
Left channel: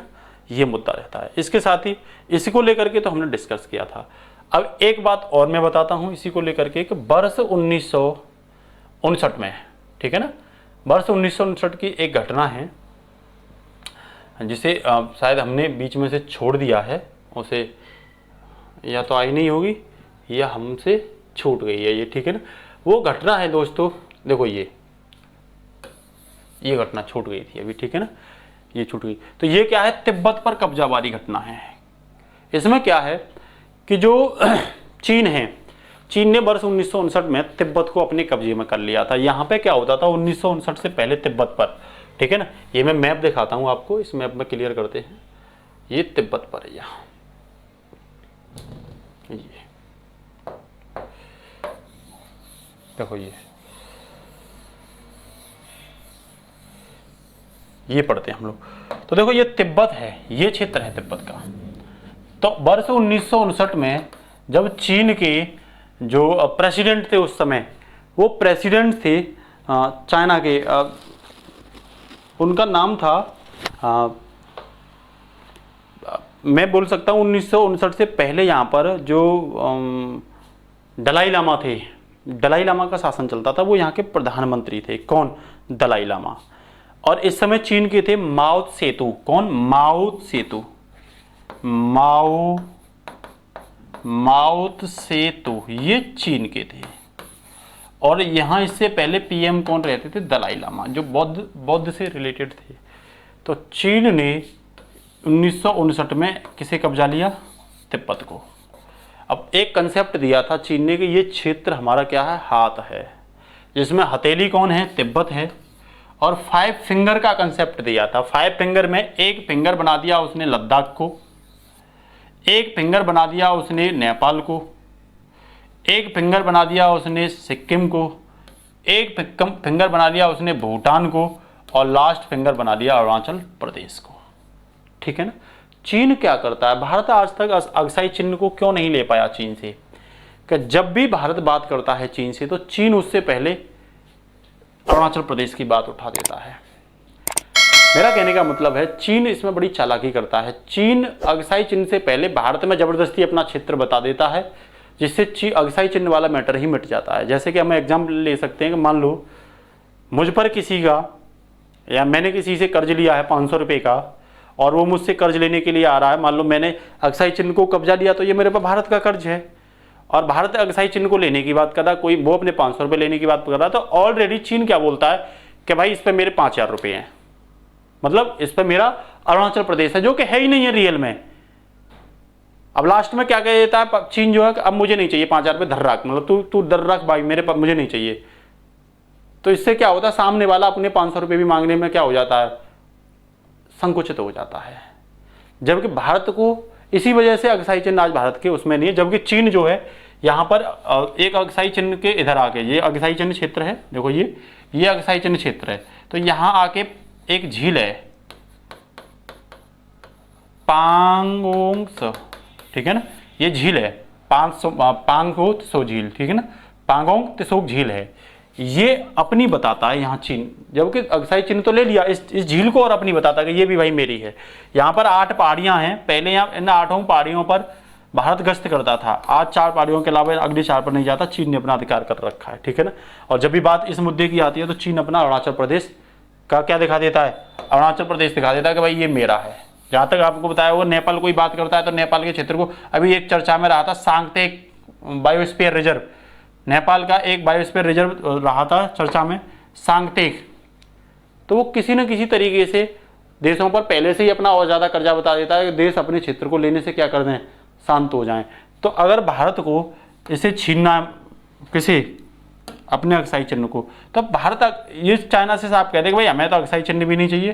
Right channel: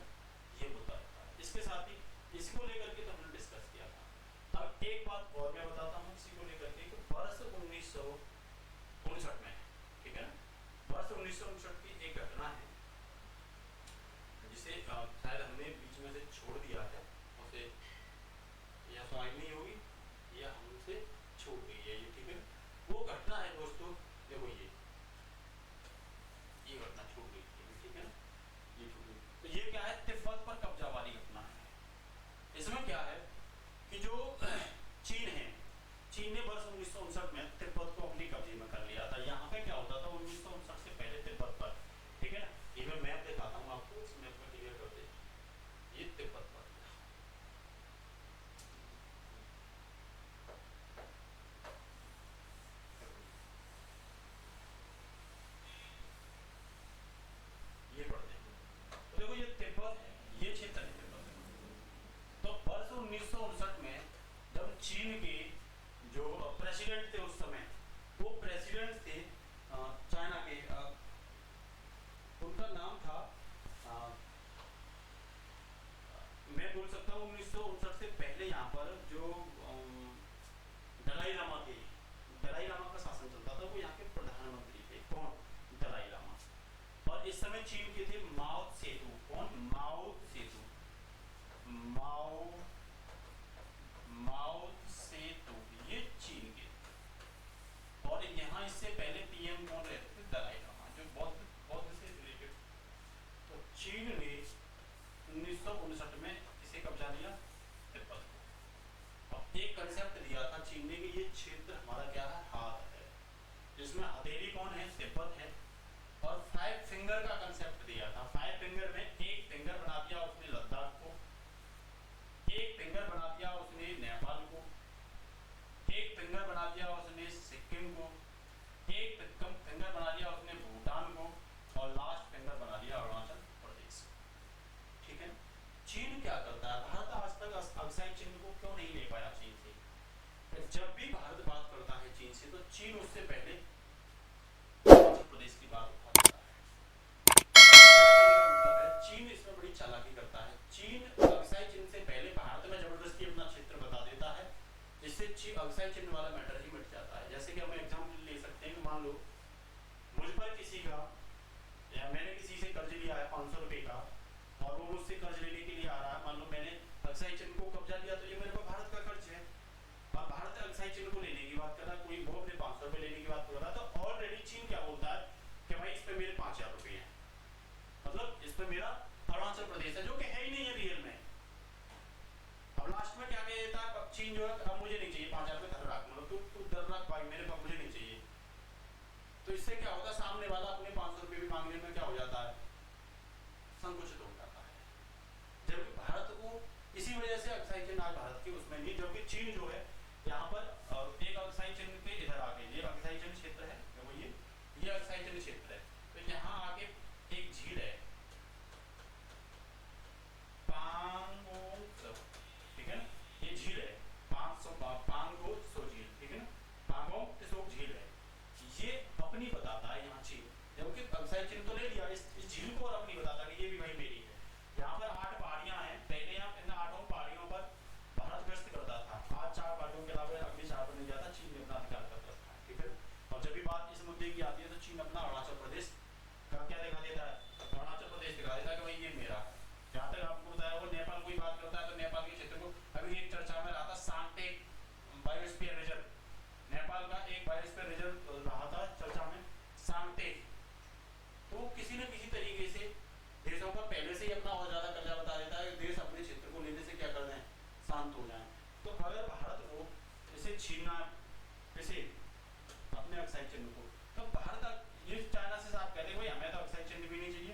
ये मुद्दा रहता है। इसके साथ ही इसी को लेकर के तो हमने डिस्कस किया था। अब एक बात और मैं बताता हूँ इसी को लेकर के कि वर्ष 1959 में, ठीक है ना, वर्ष 1959 की एक घटना है जिसे शायद हमने बीच में से छोड़ दिया है, उसे या तो आई नहीं होगी या हमसे छूट गई है ये। ठीक है ना। वो घटना है दोस्तों, देखो ये घटना छूट गई थी अभी। ठीक है ना, ये छूट गई। तो ये क्या है, तिब्बत पर कब्जा वाली घटना है। इसमें क्या है कि जो चीन है, चीन ने वर्ष 1959 में तिब्बत को अपने कब्जे में कर लिया था। यहाँ पे क्या होता था 1959 से पहले तिब्बत पर, ठीक है ना, ये मैं मैप दिखाता हूँ आपको, इस मैप में क्लियर करते हैं। ये तिब्बत पर है यहाँ, देखो ये पढ़ते हैं हम लोग। तो देखो ये तिब्बत है, ये क्षेत्र है तिब्बत का। तो वर्ष 1959 में जब चीन के जो प्रेसिडेंट थे उस समय, वो प्रेसिडेंट थे चाइना के, उनका नाम था मैं बोल सकता हूँ 1959 से पहले यहाँ पर जो दलाई लामा थे, दलाई लामा का शासन चलता था, वो यहाँ के प्रधानमंत्री थे। कौन, दलाई लामा। और इस समय चीन के थे माओ सेतु। कौन, माओ सेतु, माओ सेतु, ये चीन के थे। और यहाँ इससे पहले पीएम कौन रहते थे, दलाई लामा, जो बौद्ध से रिलेटेड थे। तो चीन ने 1959 में किसे कब्जा लिया, तिब्बत को। अब एक कंसेप्ट दिया था चीन ने कि ये क्षेत्र हमारा क्या है, हाथ है, जिसमें हथेली कौन है, तिब्बत है। और 5 फिंगर का कंसेप्ट दिया था। 5 फिंगर में एक फिंगर बना दिया उसने लद्दाख को, एक फिंगर बना दिया उसने नेपाल को, एक फिंगर बना दिया उसने सिक्किम को, एक फिंगर बना दिया उसने भूटान को, और लास्ट फिंगर बना दिया अरुणाचल प्रदेश को। ठीक है ना। चीन क्या करता है, भारत आज तक अक्साई चिन्ह को क्यों नहीं ले पाया चीन से, कि जब भी भारत बात करता है चीन से तो चीन उससे पहले अरुणाचल प्रदेश की बात उठा देता है। मेरा कहने का मतलब है चीन इसमें बड़ी चालाकी करता है। चीन अक्साई चिन्ह से पहले भारत में जबरदस्ती अपना क्षेत्र बता देता है, जिससे अक्साई चिन्ह वाला मैटर ही मिट जाता है। जैसे कि हम एग्जाम्पल ले सकते हैं कि मान लो मुझ पर किसी का, या मैंने किसी से कर्ज लिया है 500 रुपये का, और वो मुझसे कर्ज लेने के लिए आ रहा है। मान लो मैंने अक्साई चिन्ह को कब्जा लिया, तो ये मेरे पर भारत का कर्ज है, और भारत अक्साई चिन्ह को लेने की बात कर रहा, कोई वो अपने 500 रुपये लेने की बात कर रहा, तो ऑलरेडी चीन क्या बोलता है कि भाई इस पर मेरे 5000 रुपये हैं, मतलब इस पर मेरा अरुणाचल प्रदेश है, जो कि है ही नहीं है रियल में, अब लास्ट में क्या कह देता है चीन जो है, अब मुझे नहीं चाहिए 5,000 रुपये, धर रख, मतलब तू धर रख भाई, मेरे पास मुझे नहीं चाहिए। तो इससे क्या होता है, सामने वाला अपने 500 रुपये भी मांगने में क्या हो जाता है, संकुचित हो जाता है। जबकि भारत को इसी वजह से अक्साई चिन्ह आज भारत के उसमें नहीं है। जबकि चीन जो है यहाँ पर एक अक्साई चिन्ह के इधर आके, ये अक्साई चिन्ह क्षेत्र है, देखो ये अक्साई चिन्ह क्षेत्र है, तो यहाँ आके एक झील है पांगोंग त्सो, ठीक है ना, ये झील है पांगोंग त्सो झील, ठीक है ना, पांगोंग त्सो झील है, ये अपनी बताता है यहाँ चीन। जबकि अक्साई चिन्ह तो ले लिया इस झील को, और अपनी बताता है कि ये भी भाई मेरी है। यहाँ पर 8 पहाड़ियाँ हैं, पहले यहाँ इन 8 पहाड़ियों पर भारत गश्त करता था, आज 4 पहाड़ियों के अलावा अगली 4 पर नहीं जाता, चीन ने अपना अधिकार कर रखा है, ठीक है ना। और जब भी बात इस मुद्दे की आती है तो चीन अपना अरुणाचल प्रदेश का क्या दिखा देता है, अरुणाचल प्रदेश दिखा देता है कि भाई ये मेरा है। जहाँ तक आपको बताया वो नेपाल कोई बात करता है तो नेपाल के क्षेत्र को, अभी एक चर्चा में रहा था सांगतेक बायोस्फीयर रिजर्व, नेपाल का एक बायोस्फीयर रिजर्व रहा था चर्चा में सांगतेक, तो वो किसी न किसी तरीके से देशों पर पहले से ही अपना और ज़्यादा कर्जा बता देता है कि देश अपने क्षेत्र को लेने से क्या कर दें, शांत हो जाएं। तो अगर भारत को इसे छीनना किसी अपने अक्साई चिन्ह को, तो भारत ये चाइना से आप कहते हैं कि भाई हमें तो अक्साई चिन्ह भी नहीं चाहिए,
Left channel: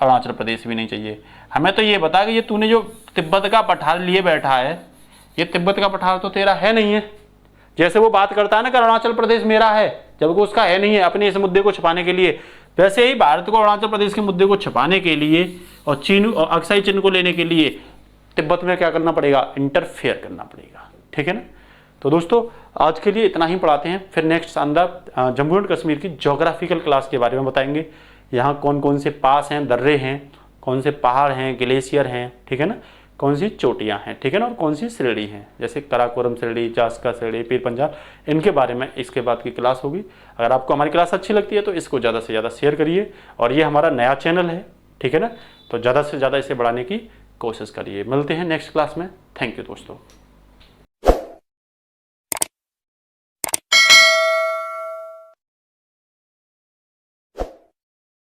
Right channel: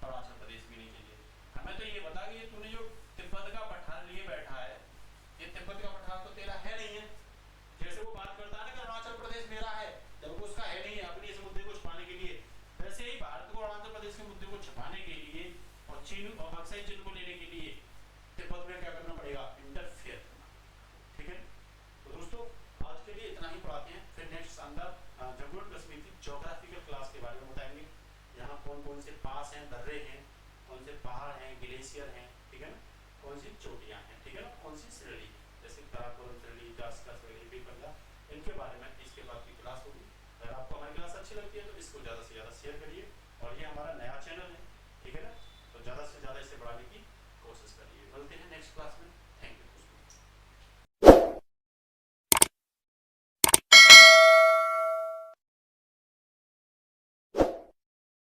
अरुणाचल प्रदेश भी नहीं चाहिए, हमें तो ये बता कि ये तूने जो तिब्बत का पठार लिए बैठा है, ये तिब्बत का पठार तो तेरा है नहीं है। जैसे वो बात करता है ना कि अरुणाचल प्रदेश मेरा है, जबकि उसका है नहीं है, अपने इस मुद्दे को छिपाने के लिए, वैसे ही भारत को अरुणाचल प्रदेश के मुद्दे को छिपाने के लिए और चीन और अक्साई चिन्ह को लेने के लिए तिब्बत में क्या करना पड़ेगा, इंटरफेयर करना पड़ेगा, ठीक है ना। तो दोस्तों आज के लिए इतना ही पढ़ाते हैं, फिर नेक्स्ट शानदार जम्मू एंड कश्मीर की ज्योग्राफिकल क्लास के बारे में बताएंगे। यहाँ कौन कौन से पास हैं, दर्रे हैं, कौन से पहाड़ हैं, ग्लेशियर हैं, ठीक है ना, कौन सी चोटियाँ हैं, ठीक है ना, और कौन सी श्रेणी हैं, जैसे कराकोरम श्रेणी, जास्का श्रेणी, पीर पंजाल, इनके बारे में इसके बाद की क्लास होगी। अगर आपको हमारी क्लास अच्छी लगती है तो इसको ज़्यादा से ज़्यादा शेयर करिए, और ये हमारा नया चैनल है, ठीक है ना, तो ज़्यादा से ज़्यादा इसे बढ़ाने की कोशिश करिए। मिलते हैं नेक्स्ट क्लास में, थैंक यू दोस्तों।